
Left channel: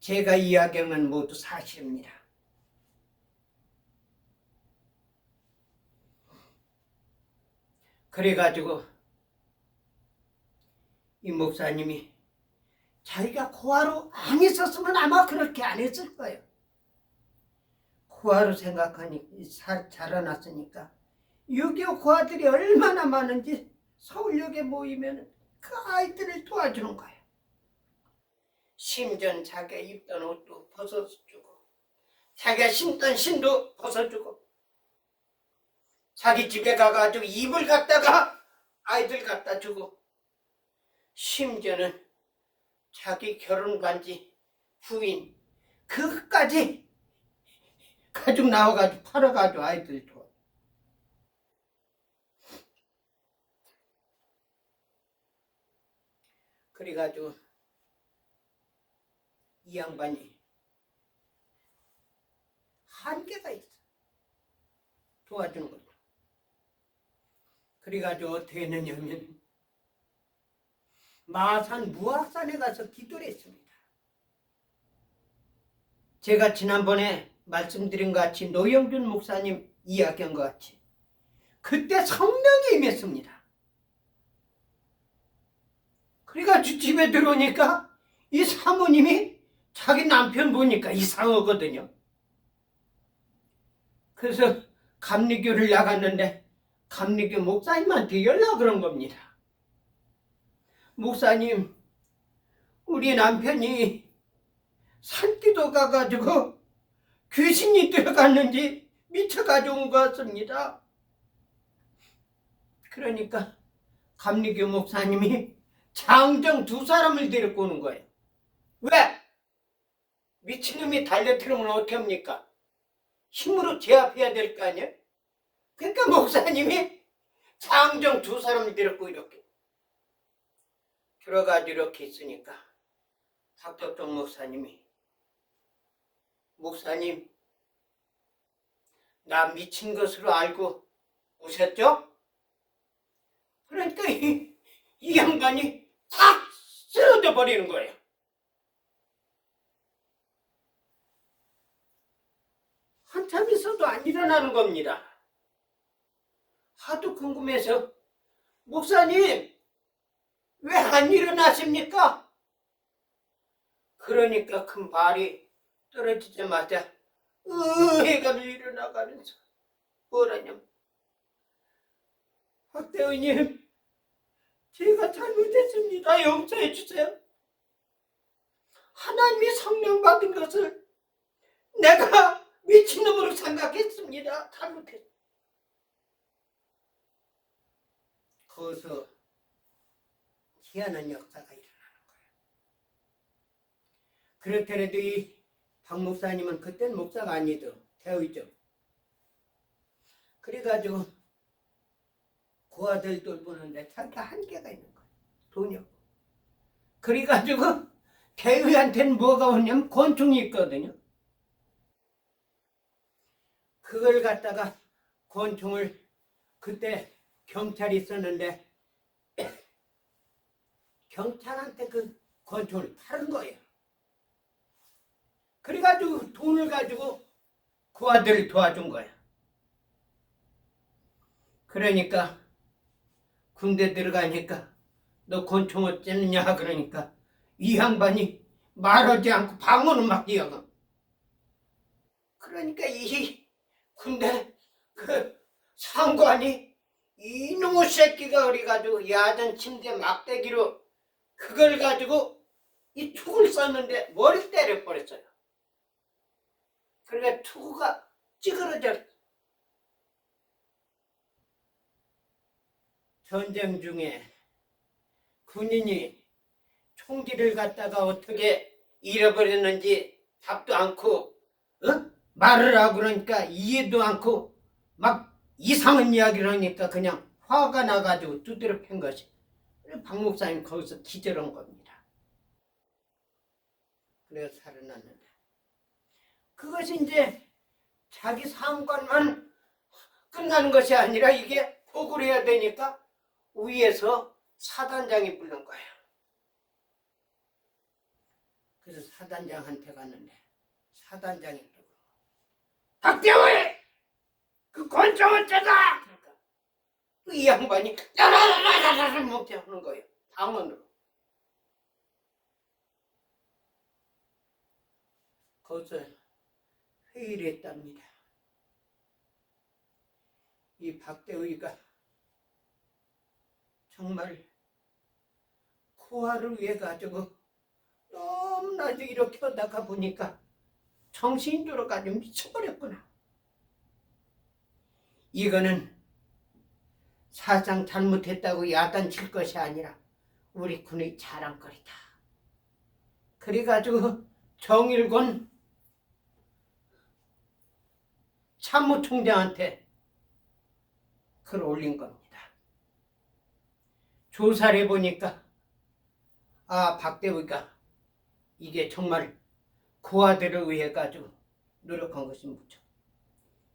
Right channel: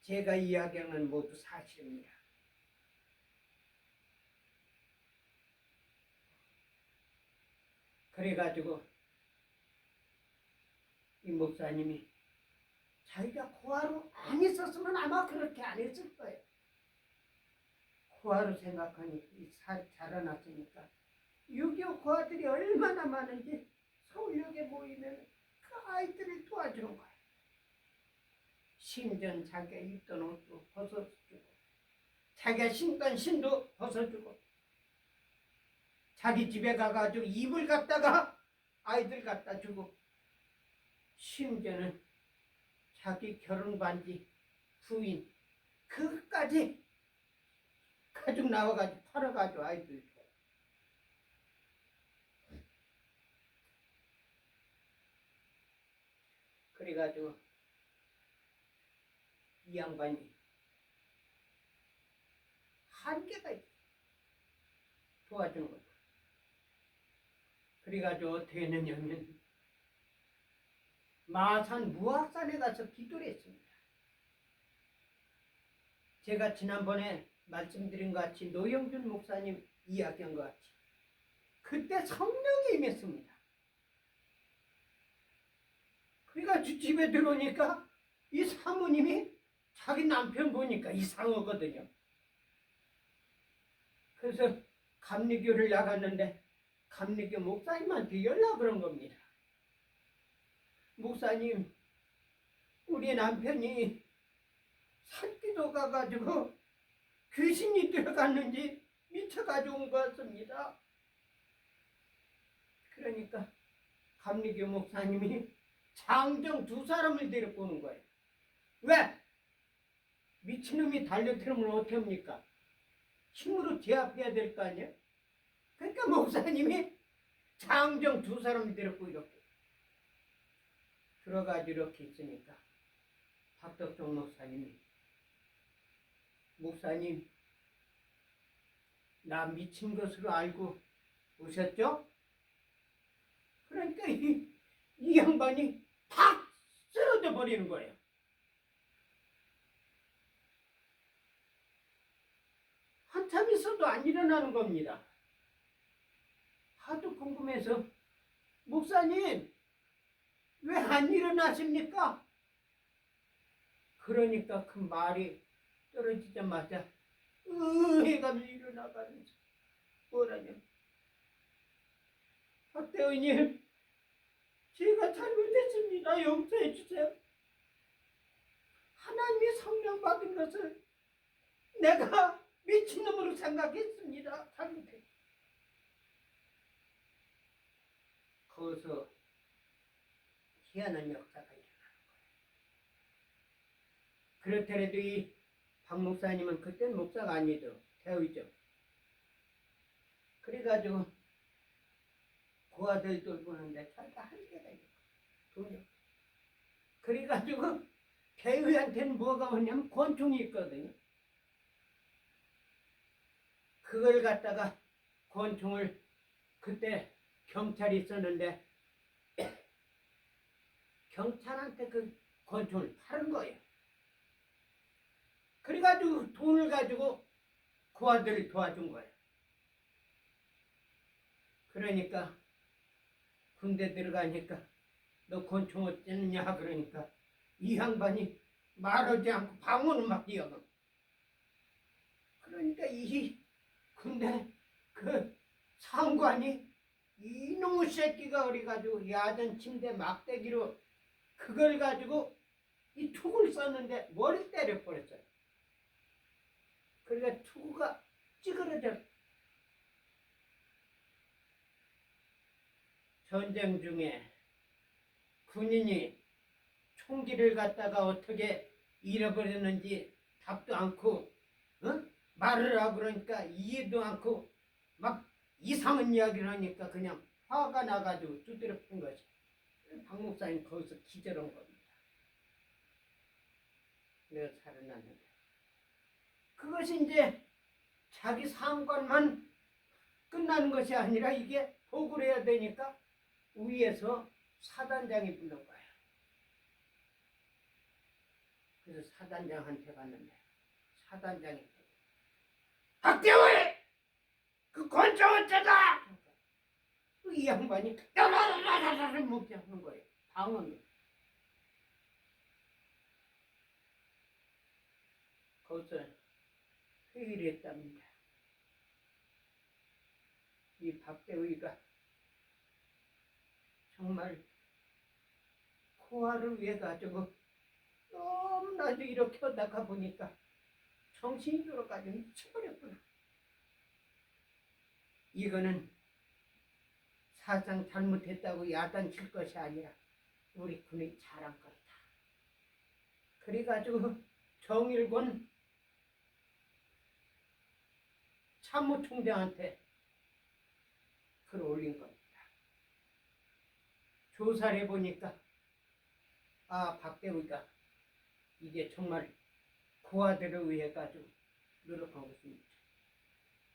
제가 이야기하는 건 모두 사실입니다. 그래가지고 이 목사님이 자기가 고아로 안 있었으면 아마 그렇게 안 했을 거예요. 고아로 생각하니 자라났으니까 6.25 고아들이 얼마나 많은지 서울역에 모이면 그 아이들을 도와주는 거예요. 심지어 자기가 입던 옷도 벗어주고 자기가 신던 신도 벗어주고 자기 집에 가가지고 이불 갖다가 아이들 갖다 주고 심지어는 자기 결혼 반지 부인 그것까지 가지고 나와가지고 팔아가지고 아이들 도와. 그래가지고 이 양반이 한계가 있어. 도와주는 거죠. 그래가지고 어떻게 했느냐면 마산 무학산에 가서 기도를 했습니다. 제가 지난번에 말씀드린 것 같이 노영준 목사님 이야기한 것 같이 그때 성령이 임했습니다. 그래가지고 집에 들어오니까 이 사모님이 자기 남편 보니까 이상하거든요. 그래서 감리교를 나갔는데 감리교 목사님한테 연락을 한 겁니다. 목사님, 우리 남편이 산기도 가가지고 귀신이 들어갔는지 미쳐가지고 온 것 같습니다. 그러니까 감리교 목사님이 장정 2사람을 데리고 오는 거예요. 왜? 미친놈이 달려들으면 어떻게 합니까? 힘으로 제압해야 될 거 아니에요? 그러니까 목사님이 장정 2사람을 데리고 이렇게 들어가지고 이렇게 있으니까 박덕종 목사님이 목사님 나 미친 것으로 알고 오셨죠? 그러니까 이 양반이 탁 쓰러져 버리는 거예요. 한참 있어도 안 일어나는 겁니다. 하도 궁금해서 목사님 왜 안 일어나십니까? 그러니까 그 말이 떨어지자마자 해가 일어나가면서 뭐라냐면 박대원님 제가 잘못했습니다. 용서해 주세요. 하나님이 성령 받은 것을 내가 미친놈으로 생각했습니다. 잘못했습니다. 거기서 희한한 역사가 일어나는 거예요. 그렇더라도 이 박 목사님은 그때는 목사가 아니죠. 대의죠. 그래가지고 그 아들 돌보는데 자기가 한계가 있는 거예요. 돈이 없고. 그래가지고 대의한테는 뭐가 오냐면 권총이 있거든요. 그걸 갖다가 권총을 그때 경찰이 있었는데 경찰한테 그 권총을 팔은 거예요. 그래가지고 돈을 가지고 그 아들을 도와준 거야. 그러니까 군대 들어가니까 너 권총 어쩌느냐 그러니까 이 양반이 말하지 않고 방언을 막 이어가. 그러니까 이 군대 그 상관이 이놈의 새끼가 그래가지고 야전 침대 막대기로 그걸 가지고 이 투구를 썼는데 머리 때려버렸어요. 그러니까 투구가 찌그러져. 전쟁 중에 군인이 총기를 갖다가 어떻게 잃어버렸는지 답도 않고 말을 하고 그러니까 이해도 않고 막 이상한 이야기를 하니까 그냥 화가 나가지고 두드려 팬 것이. 박 목사님 거기서 기절한 겁니다. 그래서 살아났는데 그것이 이제 자기 상관만 끝나는 것이 아니라 이게 보고를 해야 되니까 위에서 사단장이 부른 거예요. 그래서 사단장한테 갔는데 사단장이 또 박대호이 그 권총은 째다. 그러니까 이 양반이 야라라라라라 못해 하는 거예요. 방언으로. 거기서 회의를 했답니다. 이 박대우이가 정말 코아를 위해 가지고 너무나도 이렇게 하다가 보니까 정신이 들어가지고 미쳐버렸구나. 이거는 사상 잘못했다고 야단칠 것이 아니라 우리 군의 자랑거리다. 그래가지고 정일권 참모총장한테 글 올린 겁니다. 조사를 해보니까 박대우가 이게 정말 고아들을 위해 가지고 노력한 것이 무척.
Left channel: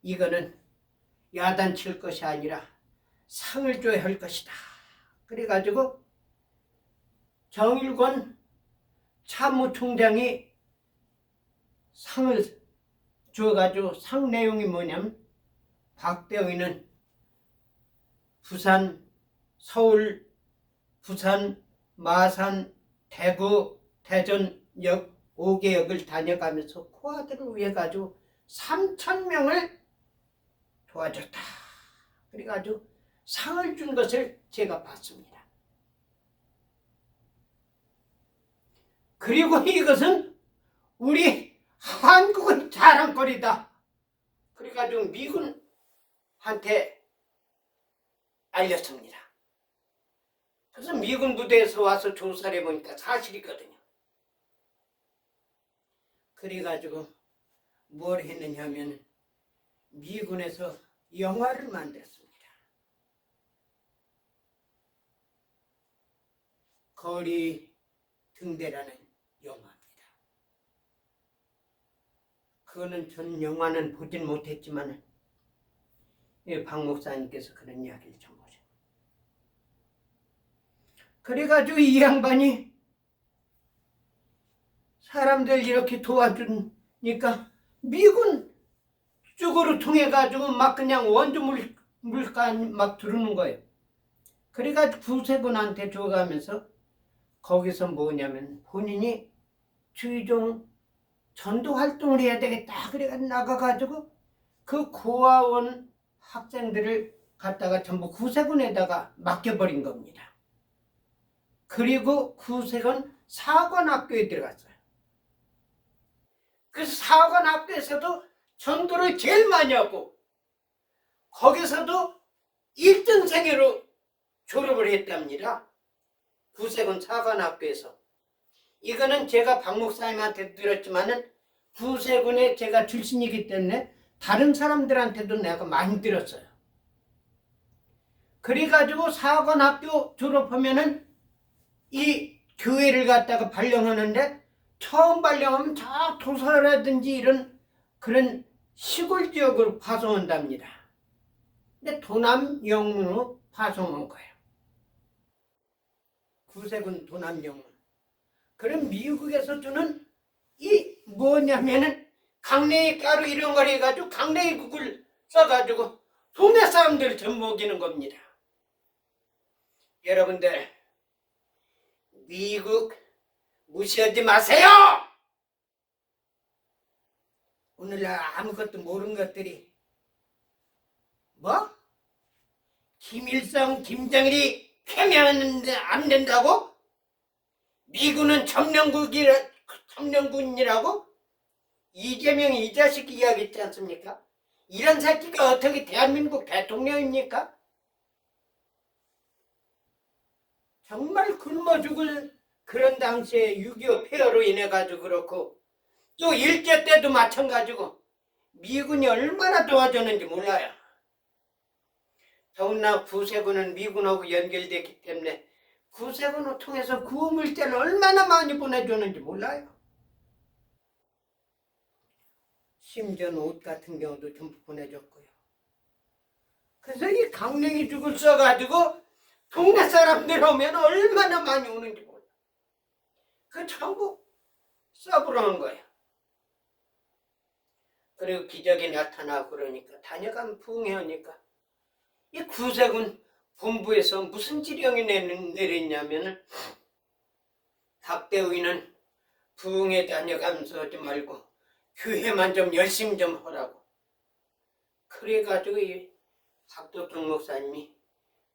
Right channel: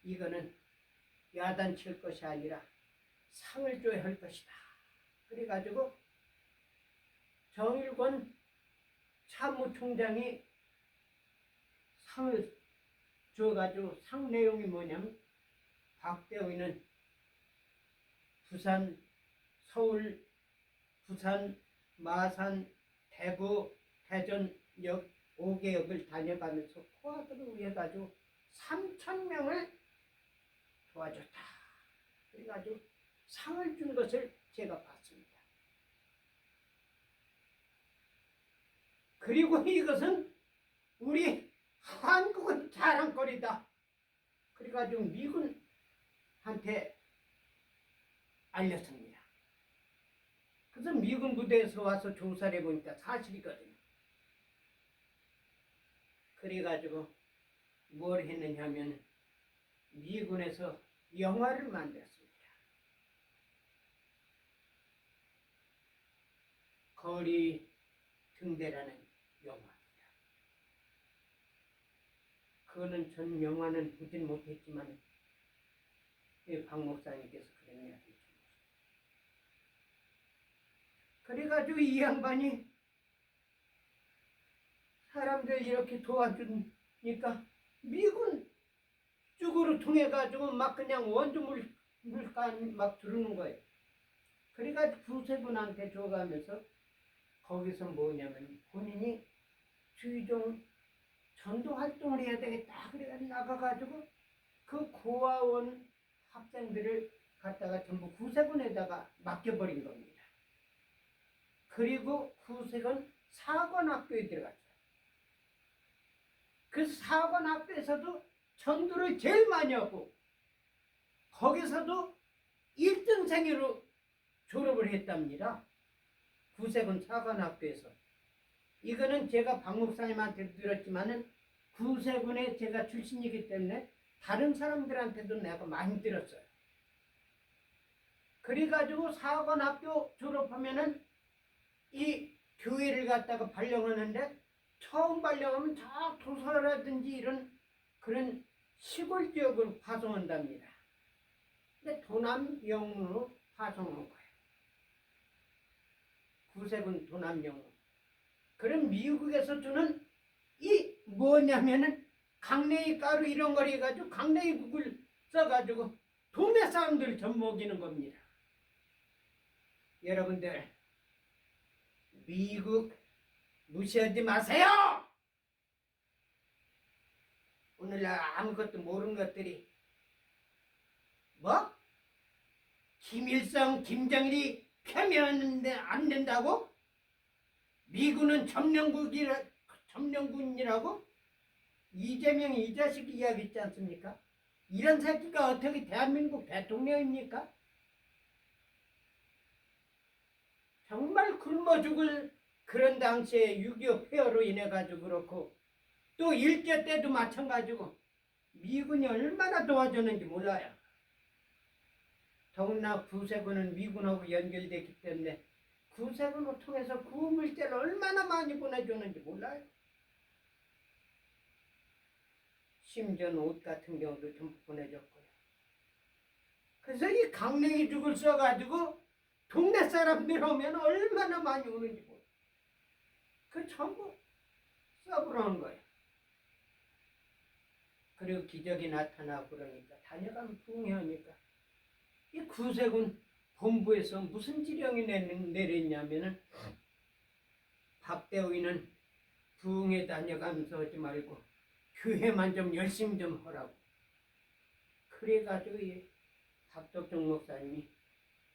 이거는 야단칠 것이 아니라 상을 줘야 할 것이다. 그래가지고 정일권 참모총장이 상을 줘가지고 상 내용이 뭐냐면 박대우는 부산, 서울, 부산, 마산, 대구, 대전역 5개역을 다녀가면서 코아들을 위해 가지고 3,000명을 도와줬다. 그래가지고 상을 준 것을 제가 봤습니다. 그리고 이것은 우리 한국의 자랑거리다. 그래가지고 미군한테 알렸습니다. 그래서 미군 부대에서 와서 조사를 해보니까 사실이거든요. 그래가지고 뭘 했느냐 하면 미군에서 영화를 만들었습니다. 거리 등대라는 영화입니다. 그거는 전 영화는 보진 못했지만 박 목사님께서 그런 이야기를 전보죠. 그래가지고 이 양반이 사람들 이렇게 도와주니까 미군 쪽으로 통해가지고 막 그냥 원주 물간 막 들어오는 거예요. 그래가지고 구세군한테 줘가면서 거기서 뭐냐면 본인이 주의종 전도 활동을 해야 되겠다. 그래가지고 나가가지고 그 고아원 학생들을 갖다가 전부 구세군에다가 맡겨버린 겁니다. 그리고 구세군 사관학교에 들어갔어요. 그 사관학교에서도 전도를 제일 많이 하고 거기서도 1등생으로 졸업을 했답니다. 구세군 사관학교에서. 이거는 제가 박 목사님한테 들었지만은 구세군에 제가 출신이기 때문에 다른 사람들한테도 내가 많이 들었어요. 그래가지고 사관학교 졸업하면은 이 교회를 갖다가 발령하는데 처음 발령하면 저 도서라든지 이런 그런 시골 지역으로 파송한답니다. 근데 도남 영문으로 파송한 거예요. 구세군 도남 영문. 그럼 미국에서 주는 이 뭐냐면은 강냉이 가루 이런 걸 해가지고 강냉이 국을 써가지고 동네 사람들을 좀 먹이는 겁니다. 여러분들 미국 무시하지 마세요. 오늘날 아무것도 모르는 것들이 뭐? 김일성, 김정일이 패면하는데 안 된다고? 미군은 점령군이라고? 이재명이 이 자식 이야기했지 않습니까? 이런 새끼가 어떻게 대한민국 대통령입니까? 정말 굶어 죽을 그런 당시에 6.25 폐허로 인해 가지고 그렇고 또 일제 때도 마찬가지고 미군이 얼마나 도와줬는지 몰라요. 더구나 구세군은 미군하고 연결됐기 때문에 구세군을 통해서 구호물자를 얼마나 많이 보내줬는지 몰라요. 심지어 옷 같은 경우도 전부 보내줬고요. 그래서 이 강냉이 죽을 써가지고 동네 사람들 오면 얼마나 많이 오는지 몰라요. 그 전부 써보라는 거예요. 그리고 기적이 나타나고 그러니까 다녀가면 부흥회하니까 이 구세군 본부에서 무슨 지령이 내렸냐면은 박대우이는 부흥회 다녀가면서 하지 말고 교회만 좀 열심히 좀 하라고. 그래가지고 이 박도종 목사님이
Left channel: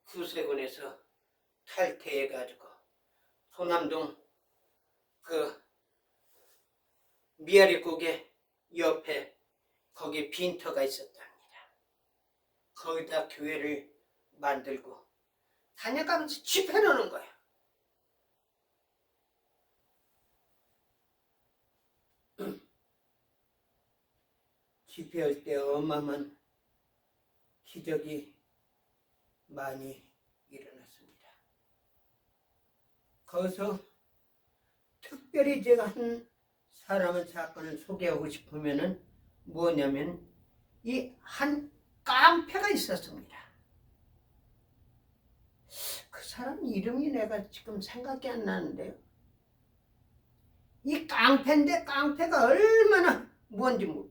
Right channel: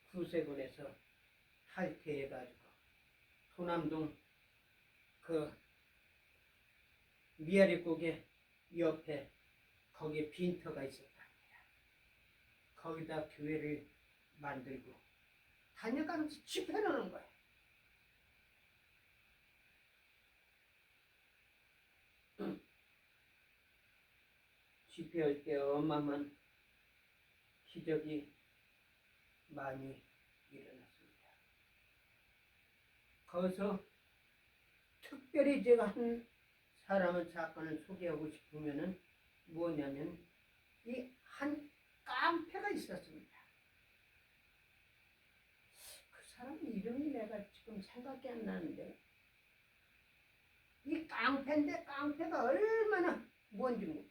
구세군에서 탈퇴해가지고 소남동 그 미아리국의 옆에 거기 빈터가 있었답니다. 거기다 교회를 만들고 다녀가면서 집회하는 거야. 집회할 때 어마어마한 기적이 많이 일어났습니다. 거기서 특별히 제가 한 사건을 소개하고 싶으면은 뭐냐면 이 한 깡패가 있었습니다. 그 사람 이름이 내가 지금 생각이 안 나는데요. 이 깡패인데 깡패가 얼마나 뭔지 모르.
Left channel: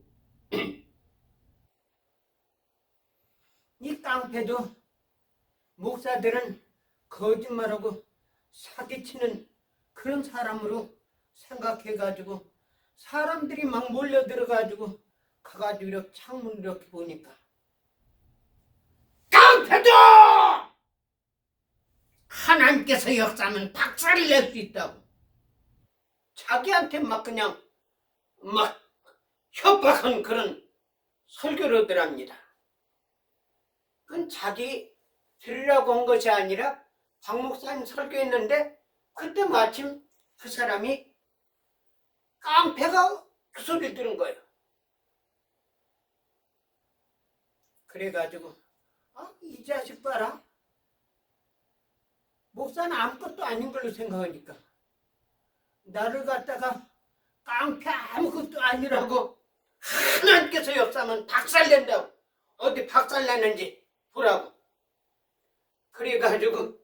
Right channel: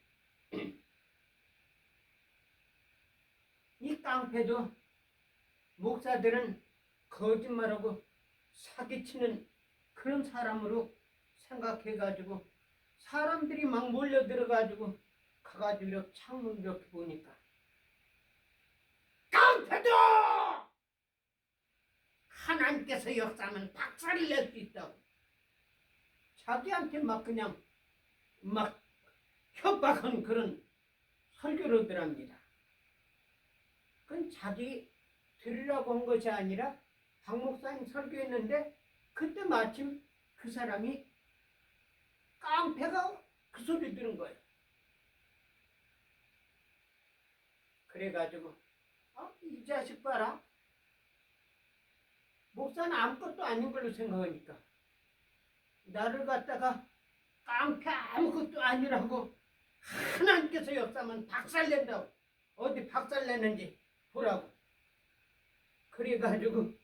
이 깡패도 목사들은 거짓말하고 사기치는 그런 사람으로 생각해가지고 사람들이 막 몰려들어가지고 가가지고 이렇게 창문 이렇게 보니까 깡패도 하나님께서 역사하면 박살을 낼 수 있다고 자기한테 막 그냥 막 협박한 그런 설교를 하더랍니다. 그건 자기 들으라고 한 것이 아니라 박 목사님 설교했는데 그때 마침 그 사람이 깡패가 그 소리를 들은 거예요. 그래가지고 이 자식 봐라. 목사는 아무것도 아닌 걸로 생각하니까 나를 갖다가 깡패 아무것도 아니라고 하나님께서 역사하면 박살낸다고 어디 박살내는지 보라고. 그래가지고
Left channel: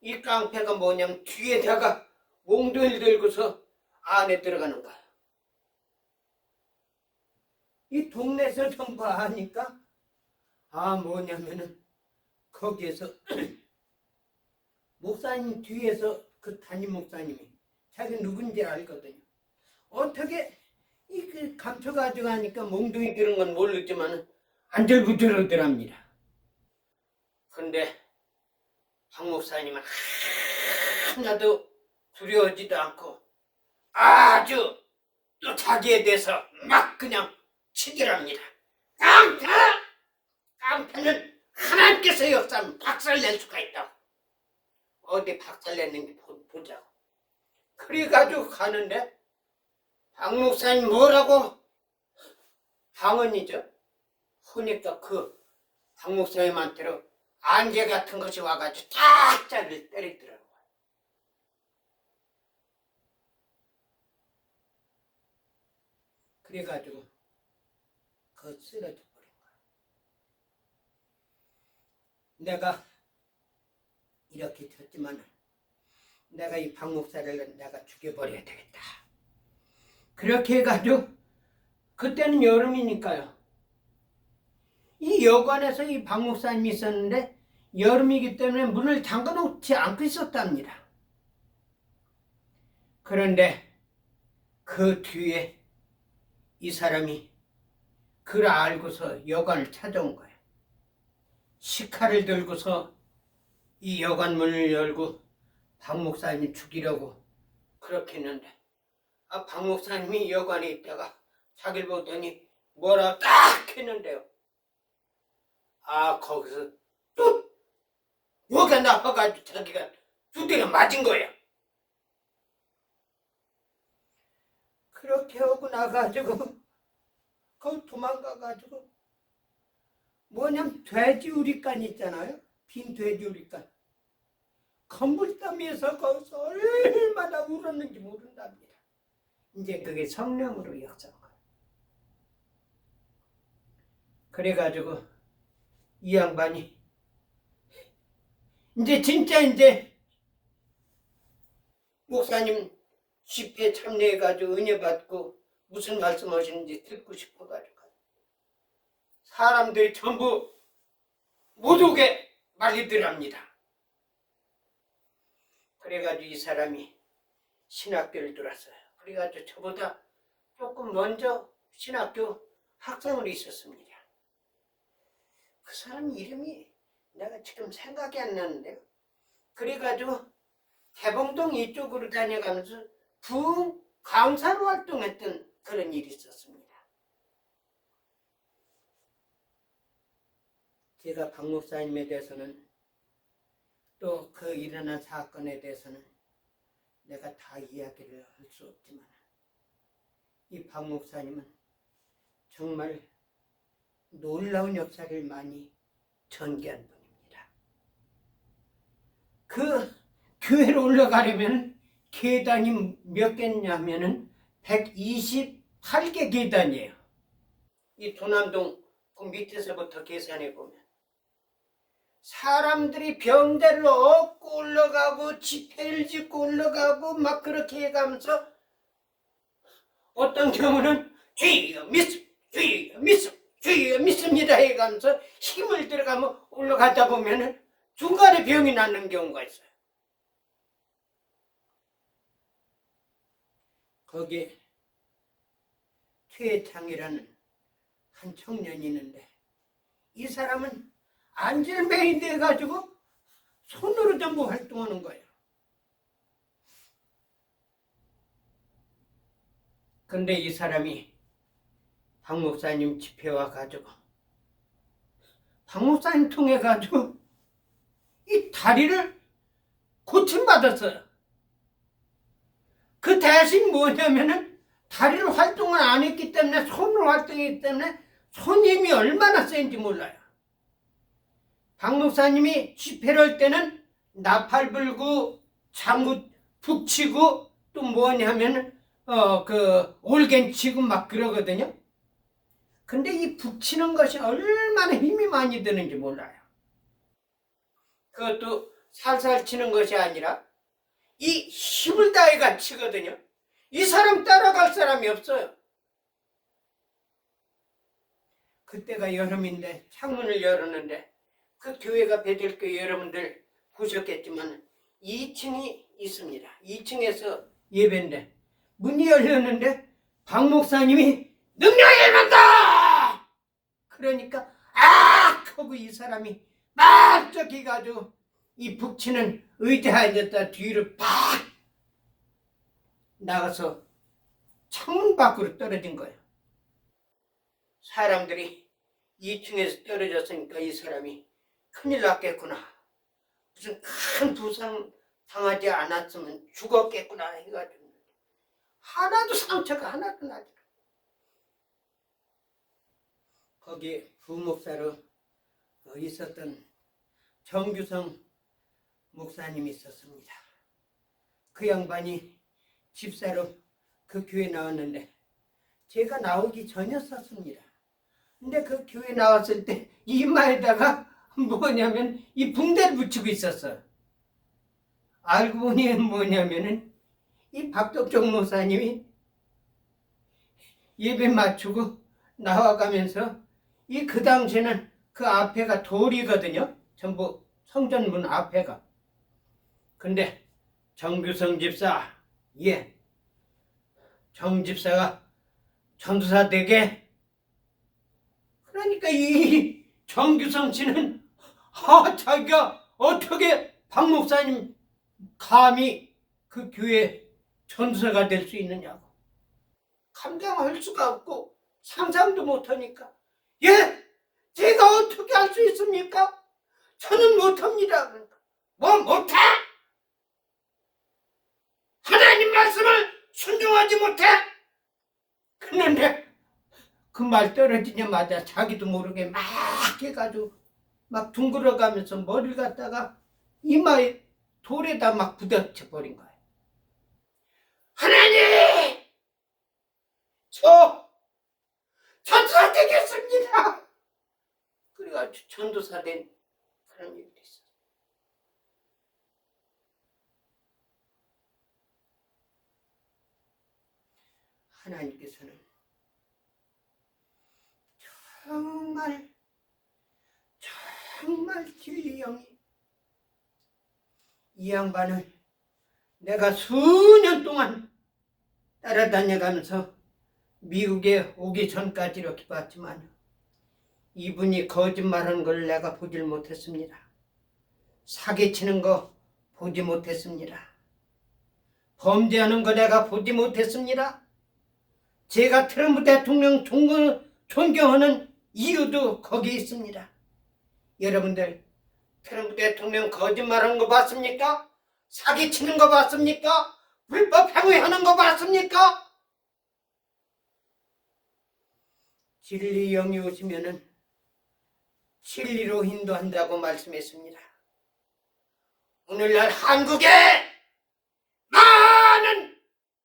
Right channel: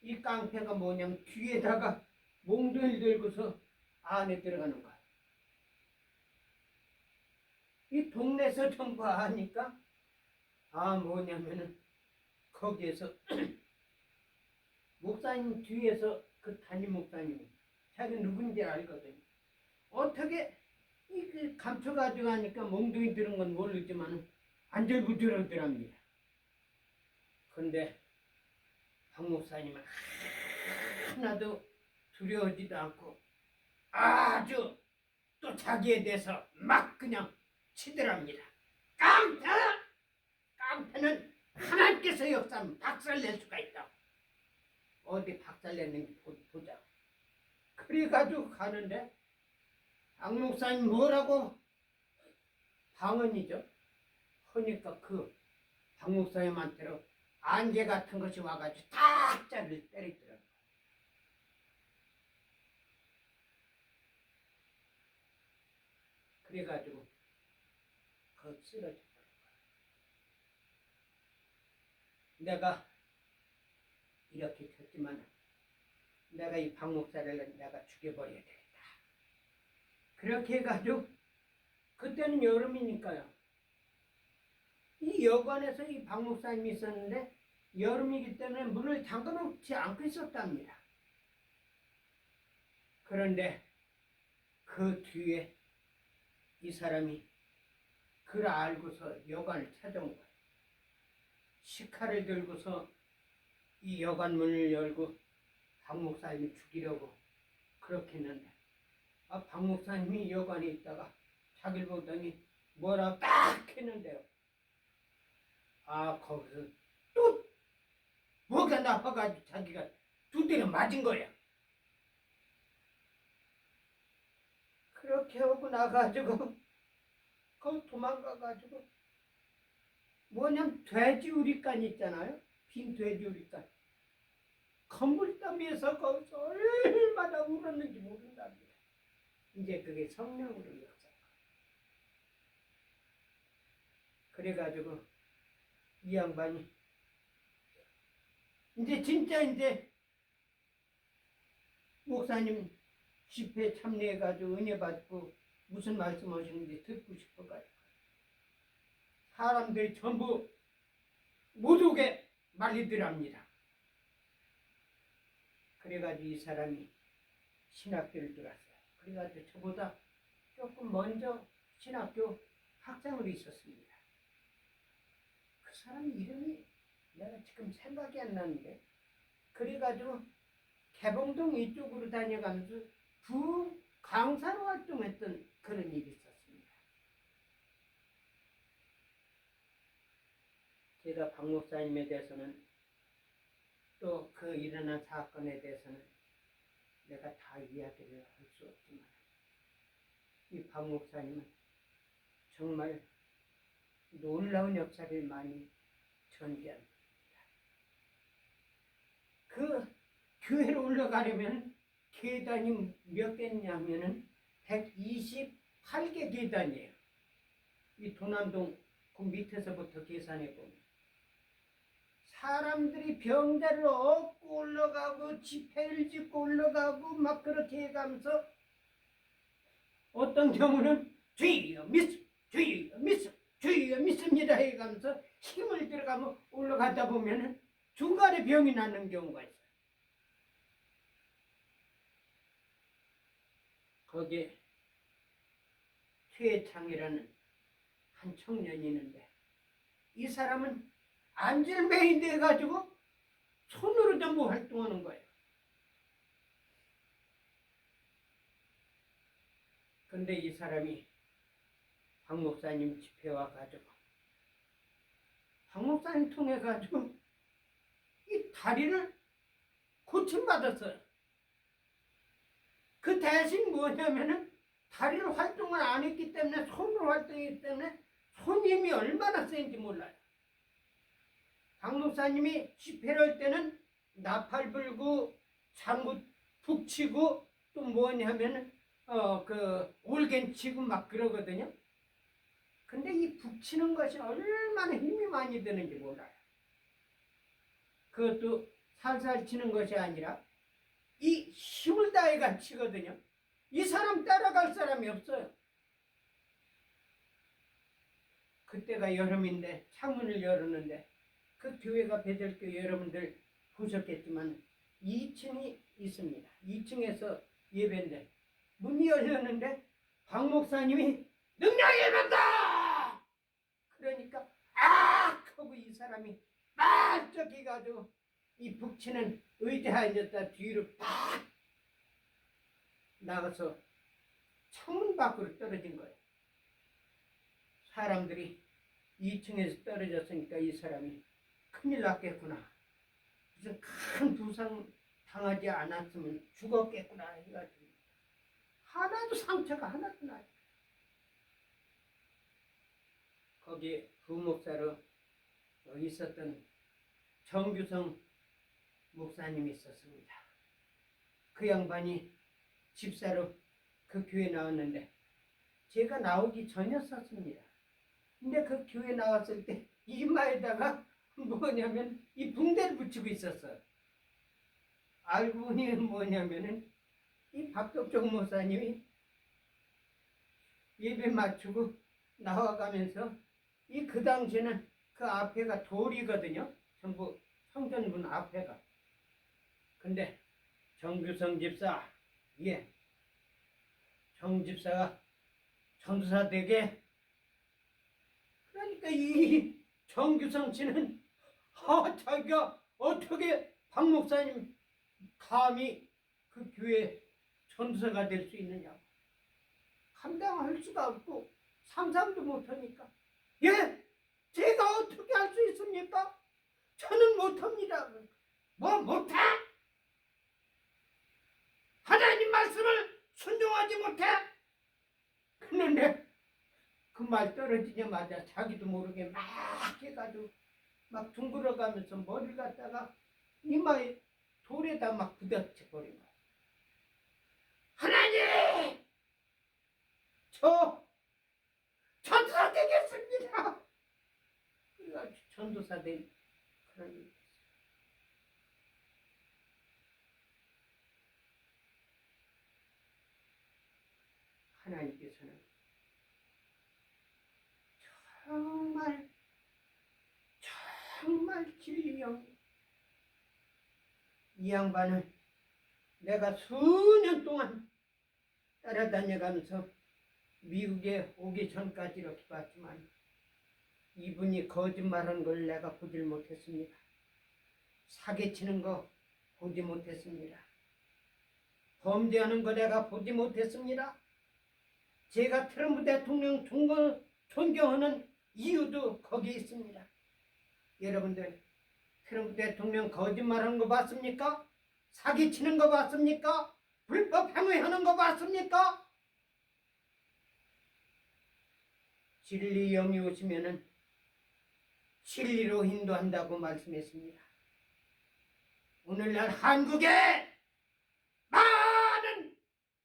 이 깡패가 뭐냐면 뒤에다가 몽둥이를 들고서 안에 들어가는 거야. 이 동네에서 전부 하니까 뭐냐면은 거기에서 목사님 뒤에서 그 담임 목사님이 자기 누군지 알거든요. 어떻게 그 감춰가지고 하니까 몽둥이 들은 건 모르지만 안절부절하더랍니다. 근데 박 목사님은 하나도 두려워지도 않고 아주 또 자기에 대해서 막 그냥 치더랍니다. 깡패는 하나님께서 역사하면 박살낼 수가 있다고. 어디 박살냈는지 보자고. 그래가지고 가는데 박 목사님 뭐라고 방언이죠. 하니까 그 박 목사님한테로 안개 같은 것이 와가지고 탁 자를 때리더라고요. 그래가지고 그거 쓰러져 버린 거야. 내가 이렇게 쳤지만 내가 이 박 목사를 내가 죽여버려야 되겠다. 그렇게 해가지고 그때는 여름이니까요. 이 여관에서 이 박 목사님이 있었는데 여름이기 때문에 문을 잠가 놓지 않고 있었답니다. 그런데 그 뒤에 이 사람이 그를 알고서 여관을 찾아온 거예요. 식칼을 들고서 이 여관 문을 열고 박 목사님 죽이려고 그렇게 했는데 박 목사님이 여관에 있다가 자기를 보더니 뭐라 딱 했는데요. 거기서 또 뭐가 나와가지고 자기가 두대가 맞은 거예요. 그렇게 하고 나가지고 거기 도망가가지고 뭐냐면 돼지 우리간 있잖아요. 빈 돼지 우리간. 건물더미에서 거기서 얼마나 울었는지 모른답니다. 이제 그게 성령으로 역사한 거예요. 그래가지고 이 양반이 이제 목사님 집회에 참여해가지고 은혜 받고 무슨 말씀하시는지 듣고 싶어가지고 사람들이 전부 못 오게 말리더랍니다. 그래가지고 이 사람이 신학교를 들어왔어요. 그래가지고 저보다 조금 먼저 신학교 학생으로 있었습니다. 그 사람 이름이 내가 지금 생각이 안 나는데요. 그래가지고 개봉동 이쪽으로 다녀가면서 부흥 강사로 활동했던 그런 일이 있었습니다. 제가 박 목사님에 대해서는 또 그 일어난 사건에 대해서는 내가 다 이야기를 할 수 없지만 이 박 목사님은 정말 놀라운 역사를 많이 전개한 분입니다. 그 교회로 올라가려면 계단이 몇 개냐면은 128개 계단이에요. 이 도남동 그 밑에서부터 계산해 보면 사람들이 병대를 업고 올라가고 지폐를 짓고 올라가고 막 그렇게 해가면서 어떤 경우는 주여 믿음, 주여 믿음, 주여 믿습니다 해가면서 힘을 들어가면 올라가다 보면은 중간에 병이 낫는 경우가 있어요. 거기에 최창이라는 한 청년이 있는데 이 사람은 안질매이 돼가지고 손으로 전부 활동하는 거예요. 근데 이 사람이 박 목사님 집회 와가지고 박 목사님 통해 가지고 이 다리를 고침받았어요. 그 대신 뭐냐면은 다리를 활동을 안 했기 때문에 손으로 활동했기 때문에 손 힘이 얼마나 센지 몰라요. 박 목사님이 집회를 할 때는 나팔 불고 장구 북치고 또 뭐냐면은 그 올겐 치고 막 그러거든요. 근데 이 북치는 것이 얼마나 힘이 많이 드는지 몰라요. 그것도 살살 치는 것이 아니라 이 힘을 다해가 치거든요. 이 사람 따라갈 사람이 없어요. 그때가 여름인데 창문을 열었는데 그 교회가 베들교회 여러분들 보셨겠지만 2층이 있습니다. 2층에서 예배인데 문이 열렸는데 박 목사님이 능력이 일어난다! 그러니까 하고 이 사람이 반짝 해가지고 이 북치는 의자에 앉았다 뒤로 팍 나가서 창문 밖으로 떨어진 거예요. 사람들이 2층에서 떨어졌으니까 이 사람이 큰일 났겠구나. 무슨 큰 부상 당하지 않았으면 죽었겠구나 해가지고 하나도 상처가 하나도 나지. 거기에 부목사로 있었던 정규성 목사님이 있었습니다. 그 양반이 집사로 그 교회 나왔는데 제가 나오기 전이었었습니다. 근데 그 교회 나왔을 때 이마에다가 뭐냐면 이 붕대를 붙이고 있었어요. 알고 보니 뭐냐면은 이 박덕종 목사님이 예배 맞추고 나와가면서 이 그 당시에는 그 앞에가 돌이거든요. 전부 성전문 앞에가. 근데 정규성 집사, 예, 정 집사가 전도사 되게. 그러니까 이 정규성 씨는 자기가 어떻게 박 목사님 감히 그 교회 전도사가 될 수 있느냐고 감당할 수가 없고 상상도 못하니까. 예? 제가 어떻게 할 수 있습니까? 저는 못합니다. 그러니까. 뭐 못해? 하나님 말씀을 순종하지 못해? 그런데 그 말 떨어지자마자 자기도 모르게 막 해가지고 막 둥그러가면서 머리를 갖다가 이마에 돌에다 막 부딪혀 버린 거예요. 하나님! 저 전도사 되겠습니다. 그래가지고 전도사 된 그런 일이 됐어요. 하나님께서는 정말 진리 영이, 이 양반은 내가 수년 동안 따라다녀가면서 미국에 오기 전까지 이렇게 봤지만 이분이 거짓말하는 걸 내가 보질 못했습니다. 사기치는 거 보지 못했습니다. 범죄하는 거 내가 보지 못했습니다. 제가 트럼프 대통령 존경하는 이유도 거기 있습니다. 여러분들, 트럼프 대통령 거짓말하는 거 봤습니까? 사기치는 거 봤습니까? 불법 행위하는 거 봤습니까? 진리 영이 오시면은 진리로 인도한다고 말씀했습니다. 오늘날 한국에 많은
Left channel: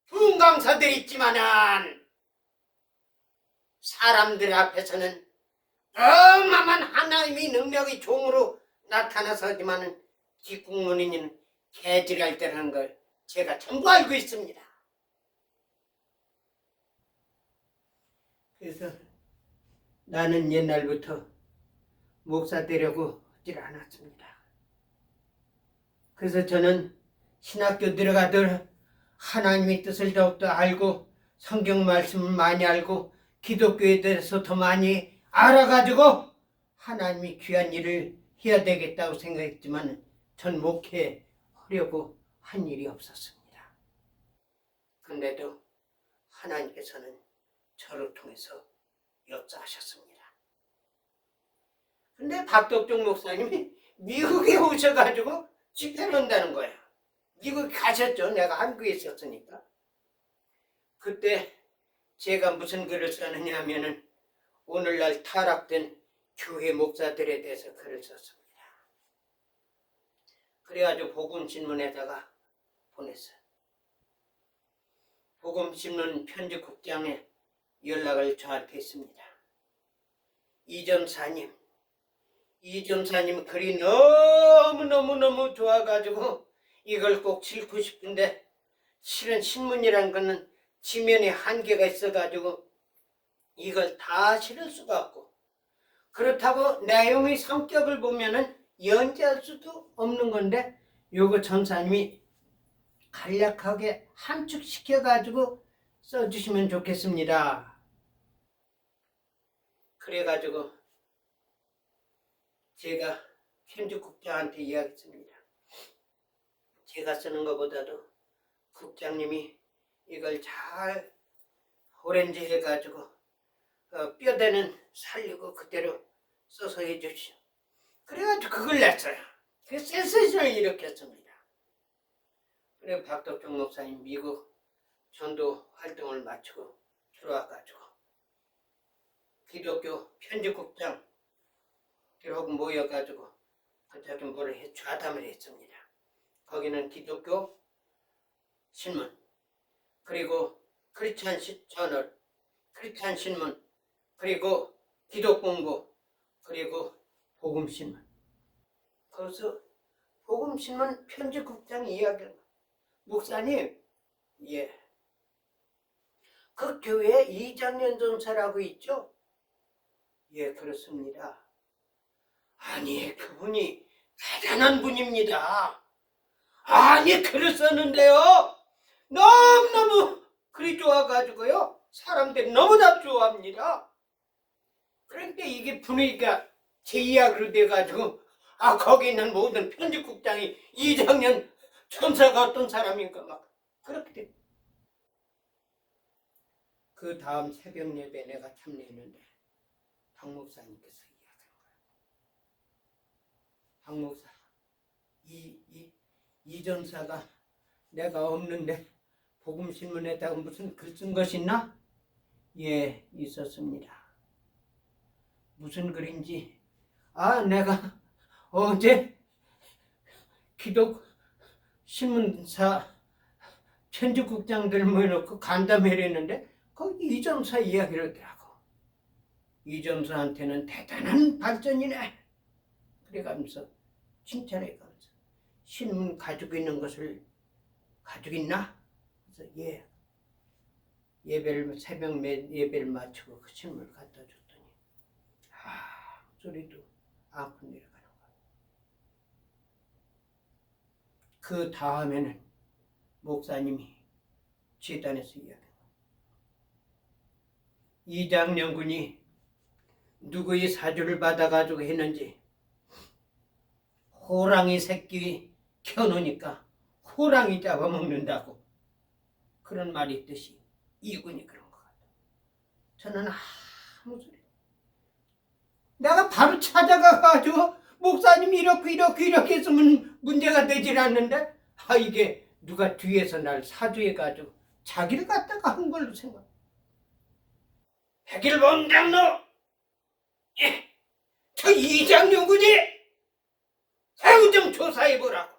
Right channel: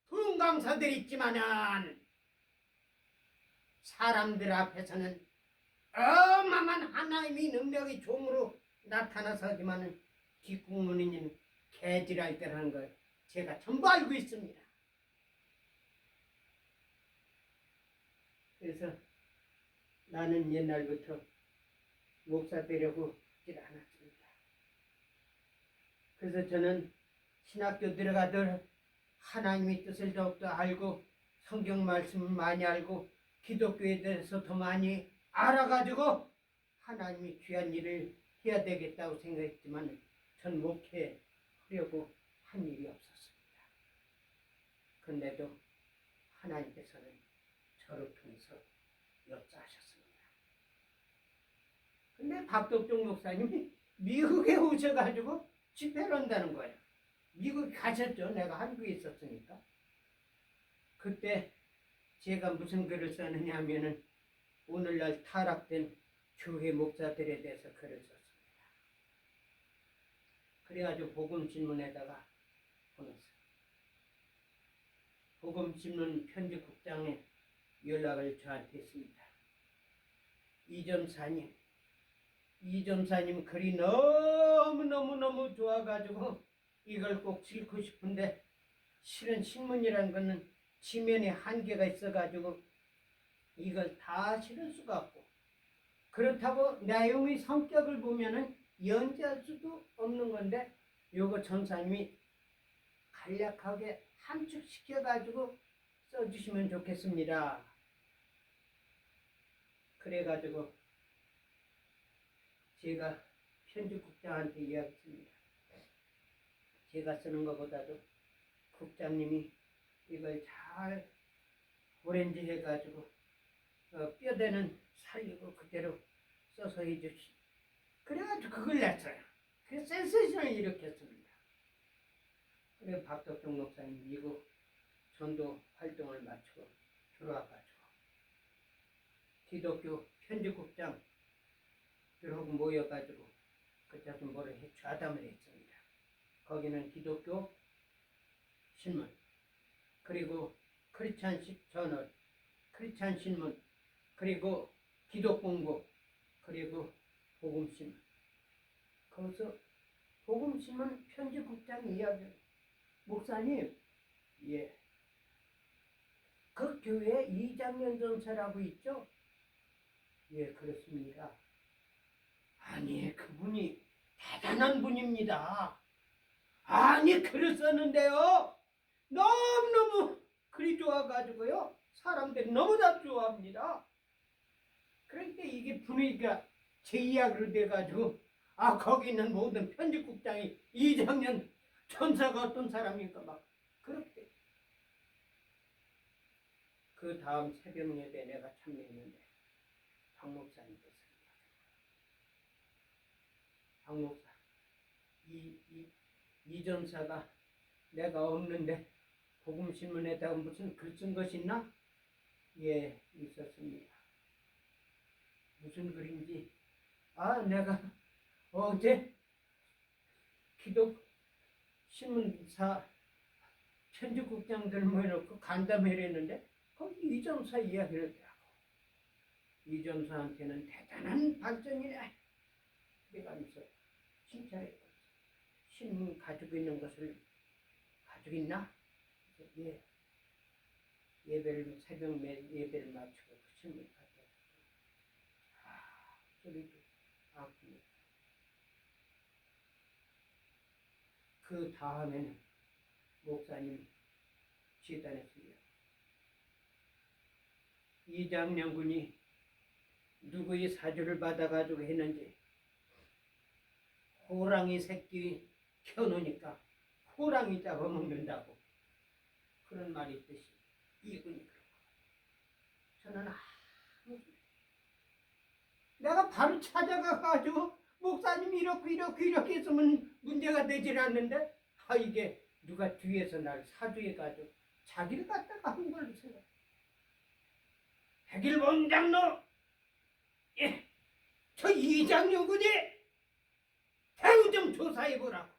부흥 강사들이 있지만은 사람들 앞에서는 어마어마한 하나님의 능력이 종으로 나타나서지만은 뒷국문이는 개질할 때라는 걸 제가 전부 알고 있습니다. 그래서 나는 옛날부터 목사 되려고 하질 않았습니다. 그래서 저는 신학교 들어가들 하나님의 뜻을 더욱더 알고 성경 말씀을 많이 알고 기독교에 대해서 더 많이 알아가지고 하나님이 귀한 일을 해야 되겠다고 생각했지만 전 목회하려고 한 일이 없었습니다. 근데도 하나님께서는 저를 통해서 역사하셨습니다. 근데 박덕종 목사님이 미국에 오셔가지고 집회를 한다는 거예요. 미국 가셨죠. 내가 한국에 있었으니까. 그때 제가 무슨 글을 썼느냐 하면은 오늘날 타락된 교회 목사들에 대해서 글을 썼습니다. 그래가지고 복음신문에다가 보냈어요. 복음신문 편집국장에 연락을 저한테 했습니다. 이 전사님 글이 너무 좋아가지고 이걸 꼭 읽고 싶은데 실은 신문이란 거는 지면에 한계가 있어가지고 이걸 다 실을 수가 없고 그렇다고 내용의 성격을 보면은 연재할 수도 없는 건데 요거 전사님이 간략하게 함축시켜가지고 써주시면 좋겠습니다. 그래가지고 제가 편집국장한테 이야기했습니다. 제가 쓰는 것보다도 국장님이 이걸 잘 오렌지 해가지고 뼈대는 살리고 그대로 써서 해주시오. 그래가지고 그걸 냈어요. 그 센세이션을 일으켰습니다. 그래 박덕종 목사님 미국 전도 활동을 마치고 들어와가지고 기독교 편집국장들하고 모여가지고 그저기 뭐를 좌담을 했습니다. 거기는 기독교 신문 그리고 크리스찬 저널, 크리스찬 신문 그리고 기독공부 그리고 복음신문. 거기서 복음신문 편집국장이 이야기를 목사님, 예, 그 교회에 이장년 전사라고 있죠? 예, 그렇습니다. 아니, 그분이 대단한 분입니다. 아니 글을 썼는데요. 너무너무 글이 좋아가지고요. 사람들이 너무 다 좋아합니다. 그런데 이게 분위기가 제 이야기로 돼가지고 거기 있는 모든 편집국장이 이장년 천사가 어떤 사람인가 막 그렇게 돼. 그 다음 새벽 예배 내가 참여했는데 박 목사님께서 이야기하는 거야. 박 목사 이 전사가 내가 없는데 복음신문에다가 무슨 글 쓴 것이 있나? 예, 있었습니다. 무슨 글인지 내가 어제 기독 신문사 편집국장들 모여놓고 간담회를 했는데 거기 이전사 이야기를 하더라고. 이전사한테는 대단한 발전이네. 그래가면서 칭찬해가면서 신문 가지고 있는 것을 가지고 있나? 그래서 예. 예배를 새벽 예배를 마치고 그 신문을 갖다 줬더니 소리도 않고 내려가는 거예요. 그 다음에는 목사님이 지단에서 이야기해요. 이장년군이 누구의 사주를 받아가지고 했는지 호랑이 새끼 켜놓으니까 호랑이 잡아먹는다고 그런 말이 있듯이 이군이 그런 것 같아요. 저는 아무 소리 내가 바로 찾아가가지고 목사님이 이렇게 했으면 문제가 되질 않는데 이게 누가 뒤에서 날 사주해가지고 자기를 갖다가 한 걸로 생각해. 백일봉 장로 예, 저 이장로군이 새우 좀 조사해보라고.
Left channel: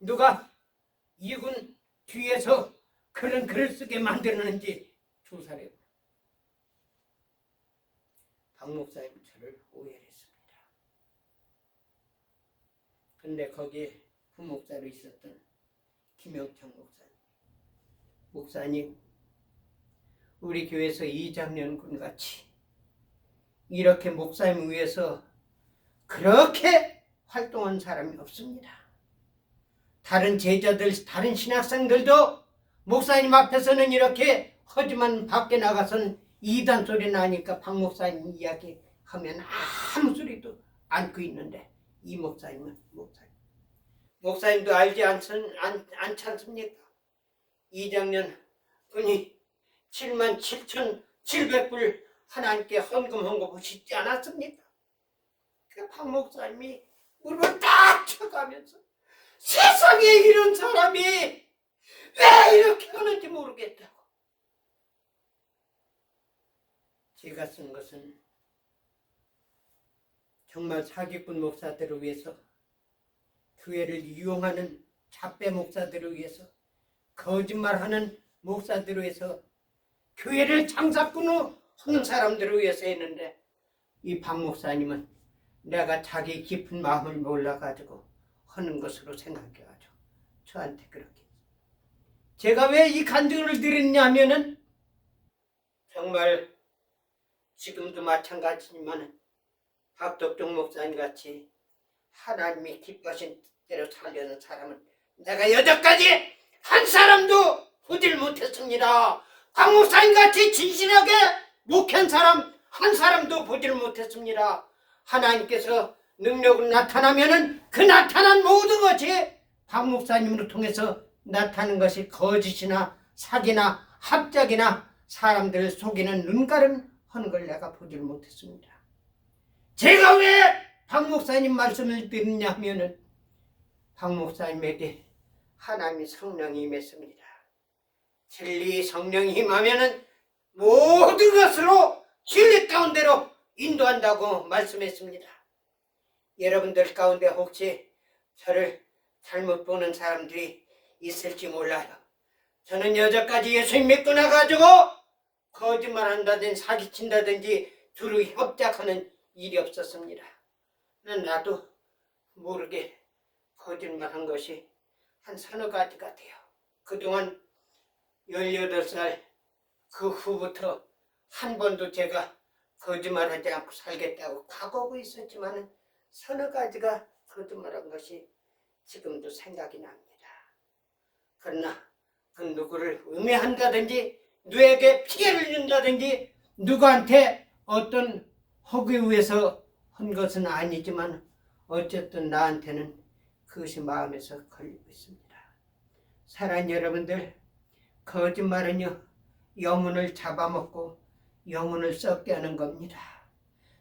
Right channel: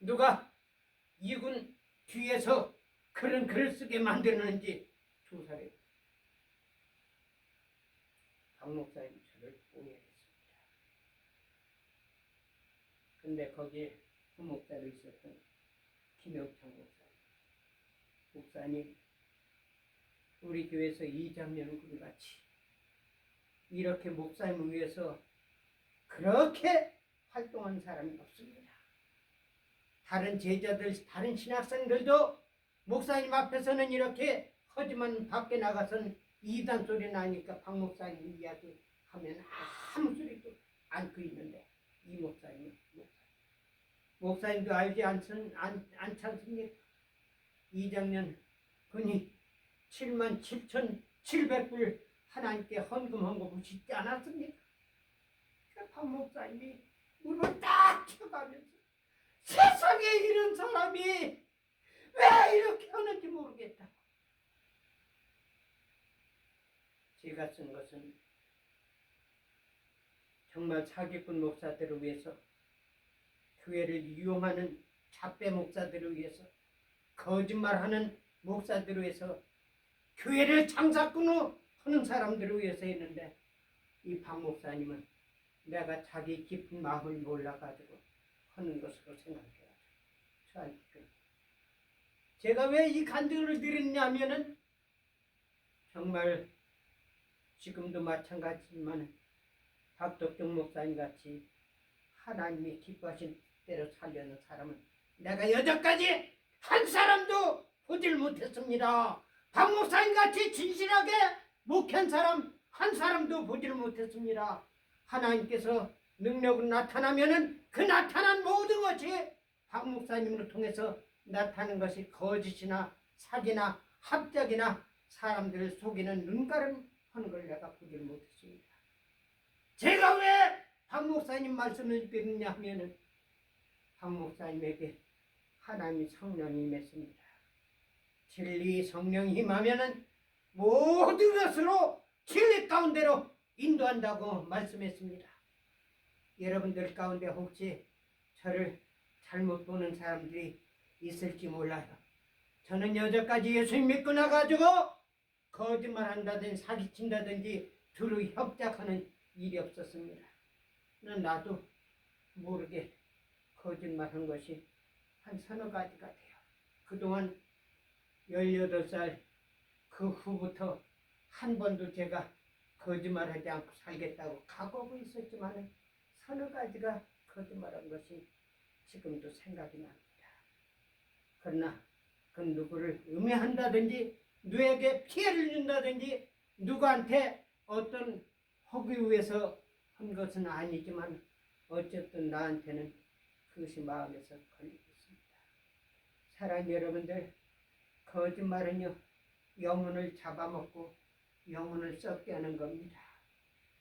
누가 이군 뒤에서 그런 글을 쓰게 만드는지 조사를 해보라고. 박 목사님 저를 오해했습니다. 근데 거기에 부목사로 있었던 김영창 목사님 우리 교회에서 이장년군 같이 이렇게 목사님 위해서 그렇게 활동한 사람이 없습니다. 다른 제자들, 다른 신학생들도 목사님 앞에서는 이렇게 하지만 밖에 나가서는 이단 소리 나니까 박 목사님 이야기하면 아무 소리도 않고 있는데 이 목사님은 목사님도 알지 않지 않습니까? 이장년 군이 77,700불 하나님께 헌금한 거 보시지 않았습니까? 그 박 목사님이 무릎을 딱 쳐가면서 세상에 이런 사람이 왜 이렇게 하는지 모르겠다고. 제가 쓴 것은 정말 사기꾼 목사들을 위해서 교회를 이용하는 잡배 목사들을 위해서 거짓말하는 목사들을 위해서 교회를 장사꾼으로 하는 사람들을 위해서 했는데 이 박 목사님은 내가 자기 깊은 마음을 몰라가지고 하는 것으로 생각해가지고 저한테 그렇게 제가 왜 이 간증을 드렸냐면은 정말 지금도 마찬가지지만 박덕종 목사님 같이 하나님이 기뻐하신 대로 살려는 사람은 내가 여태까지 한 사람도 보질 못했습니다. 박 목사님 같이 진실하게 목한 사람 한 사람도 보질 못했습니다. 하나님께서 능력으로 나타나면은 그 나타난 모든 것이 박 목사님으로 통해서 나타나는 것이 거짓이나 사기나 합작이나 사람들을 속이는 눈가름 하는 걸 내가 보질 못했습니다. 제가 왜 박 목사님 말씀을 드리냐 하면은 박 목사님에게 하나님의 성령이 임했습니다. 진리 성령이 임하면은 모든 것으로 진리 가운데로 인도한다고 말씀했습니다. 여러분들 가운데 혹시 저를 잘못 보는 사람들이 있을지 몰라요. 저는 여태까지 예수님 믿고 나가지고 거짓말한다든지 사기친다든지 두루 협작하는 일이 없었습니다. 나도 모르게 거짓말한 것이 한 서너 가지 같아요. 그동안 18살 그 후부터 한 번도 제가 거짓말하지 않고 살겠다고 각오하고 있었지만 서너 가지가 거짓말한 것이 지금도 생각이 납니다. 그러나 그 누구를 음해한다든지 누구에게 피해를 준다든지 누구한테 어떤 허구 위해서 한 것은 아니지만 어쨌든 나한테는 그것이 마음에서 걸리고 있습니다. 사랑하는 여러분들, 거짓말은요 영혼을 잡아먹고 영혼을 썩게 하는 겁니다.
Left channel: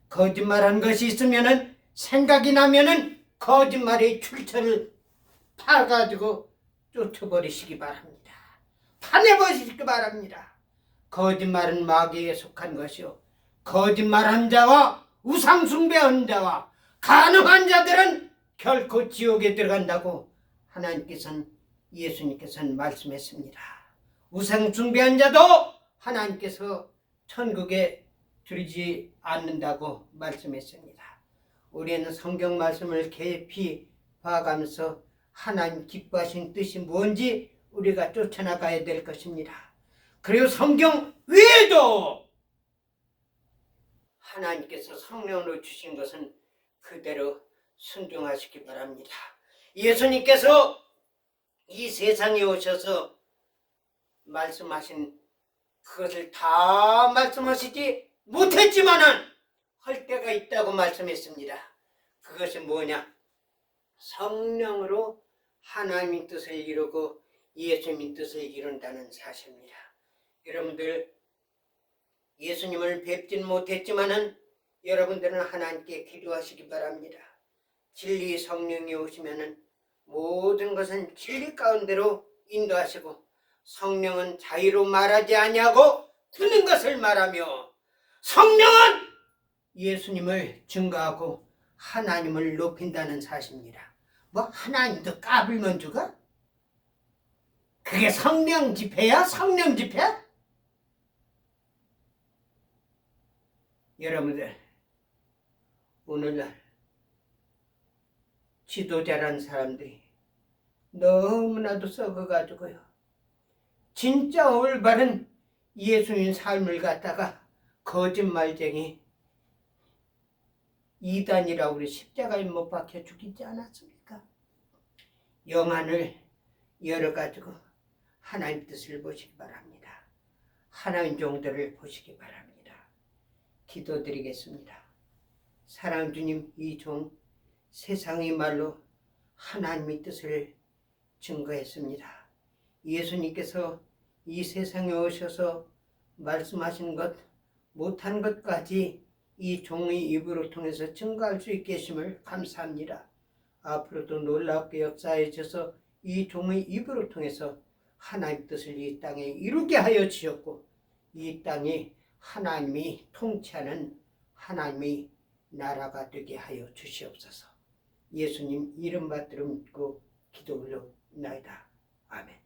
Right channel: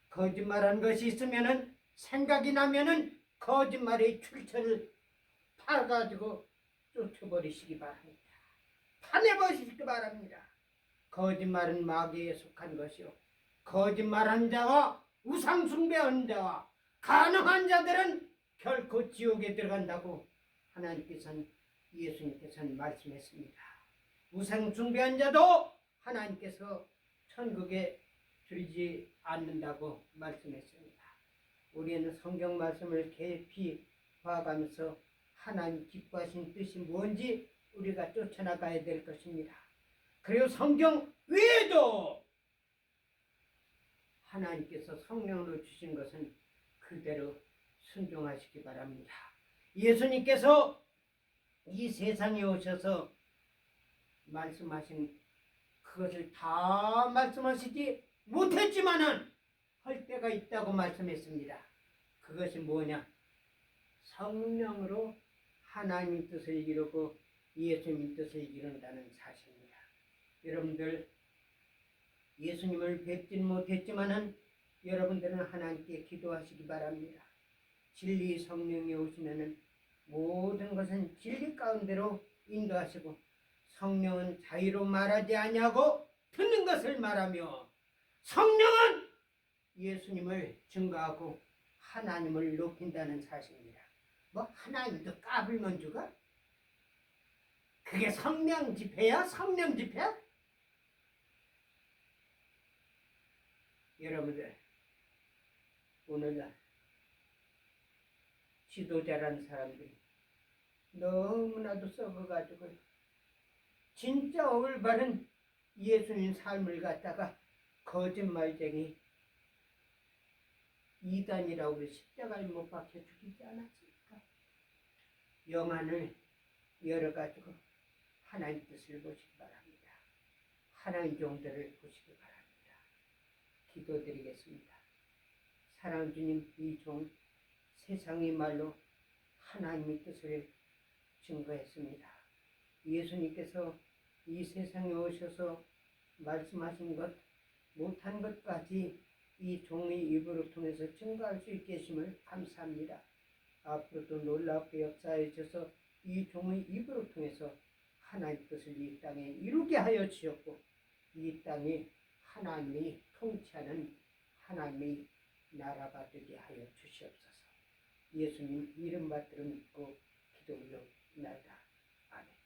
거짓말한 것이 있으면은 생각이 나면은 거짓말의 출처를 파가지고 쫓아버리시기 바랍니다. 파내버리시기 바랍니다. 거짓말은 마귀에 속한 것이요 거짓말한 자와 우상숭배한 자와 간음한 자들은 결코 지옥에 들어간다고 예수님께서는 말씀했습니다. 우상숭배한 자도 하나님께서 천국에 들이지 않는다고 말씀했습니다. 우리는 성경 말씀을 깊이 봐가면서 하나님 기뻐하신 뜻이 뭔지 우리가 쫓아나가야 될 것입니다. 그리고 성경 외에도 하나님께서 성령으로 주신 것은 그대로 순종하시기 바랍니다. 예수님께서 이 세상에 오셔서 말씀하신 그것을 다 말씀하시지 못했지만은 할 때가 있다고 말씀했습니다. 그것이 뭐냐? 성령으로 하나님의 뜻을 이루고 예수님의 뜻을 이룬다는 사실입니다. 여러분들 예수님을 뵙진 못했지만은 여러분들은 하나님께 기도하시기 바랍니다. 진리 성령이 오시면은 모든 것은 진리 가운데로 인도하시고 성령은 자유로 말하지 아니하고 듣는 것을 말하며 성령은 예수님을 증거하고 하나님을 높인다는 사실입니다. 뭐 하나님도 까불면 죽어? 그게 성령 집회야? 성령 집회? 여러분들 오늘날 지도자란 사람들이 너무나도 썩어가지고요 진짜 올바른 예수님 삶을 갖다가 거짓말쟁이 이단이라고 우리 십자가에 못 박혀 죽이지 않았습니까? 영안을 열어가지고 하나님 뜻을 보시기 바랍니다. 하나님 종들을 보시기 바랍니다. 기도드리겠습니다. 사랑하는 주님, 이 종 세상의 말로 하나님의 뜻을 증거했습니다. 예수님께서 이 세상에 오셔서 말씀하신 것 못한 것까지 이 종의 입으로 통해서 증거할 수 있게 하심을 감사합니다. 앞으로도 놀랍게 역사해 주셔서 이 종의 입으로 통해서 하나님의 뜻을 이 땅에 이루게 하여 주셨고 이 땅이 하나님이 통치하는 하나님의 나라가 되게 하여 주시옵소서. 예수님 이름 받들어 믿고 기도 올려나이다. 아멘.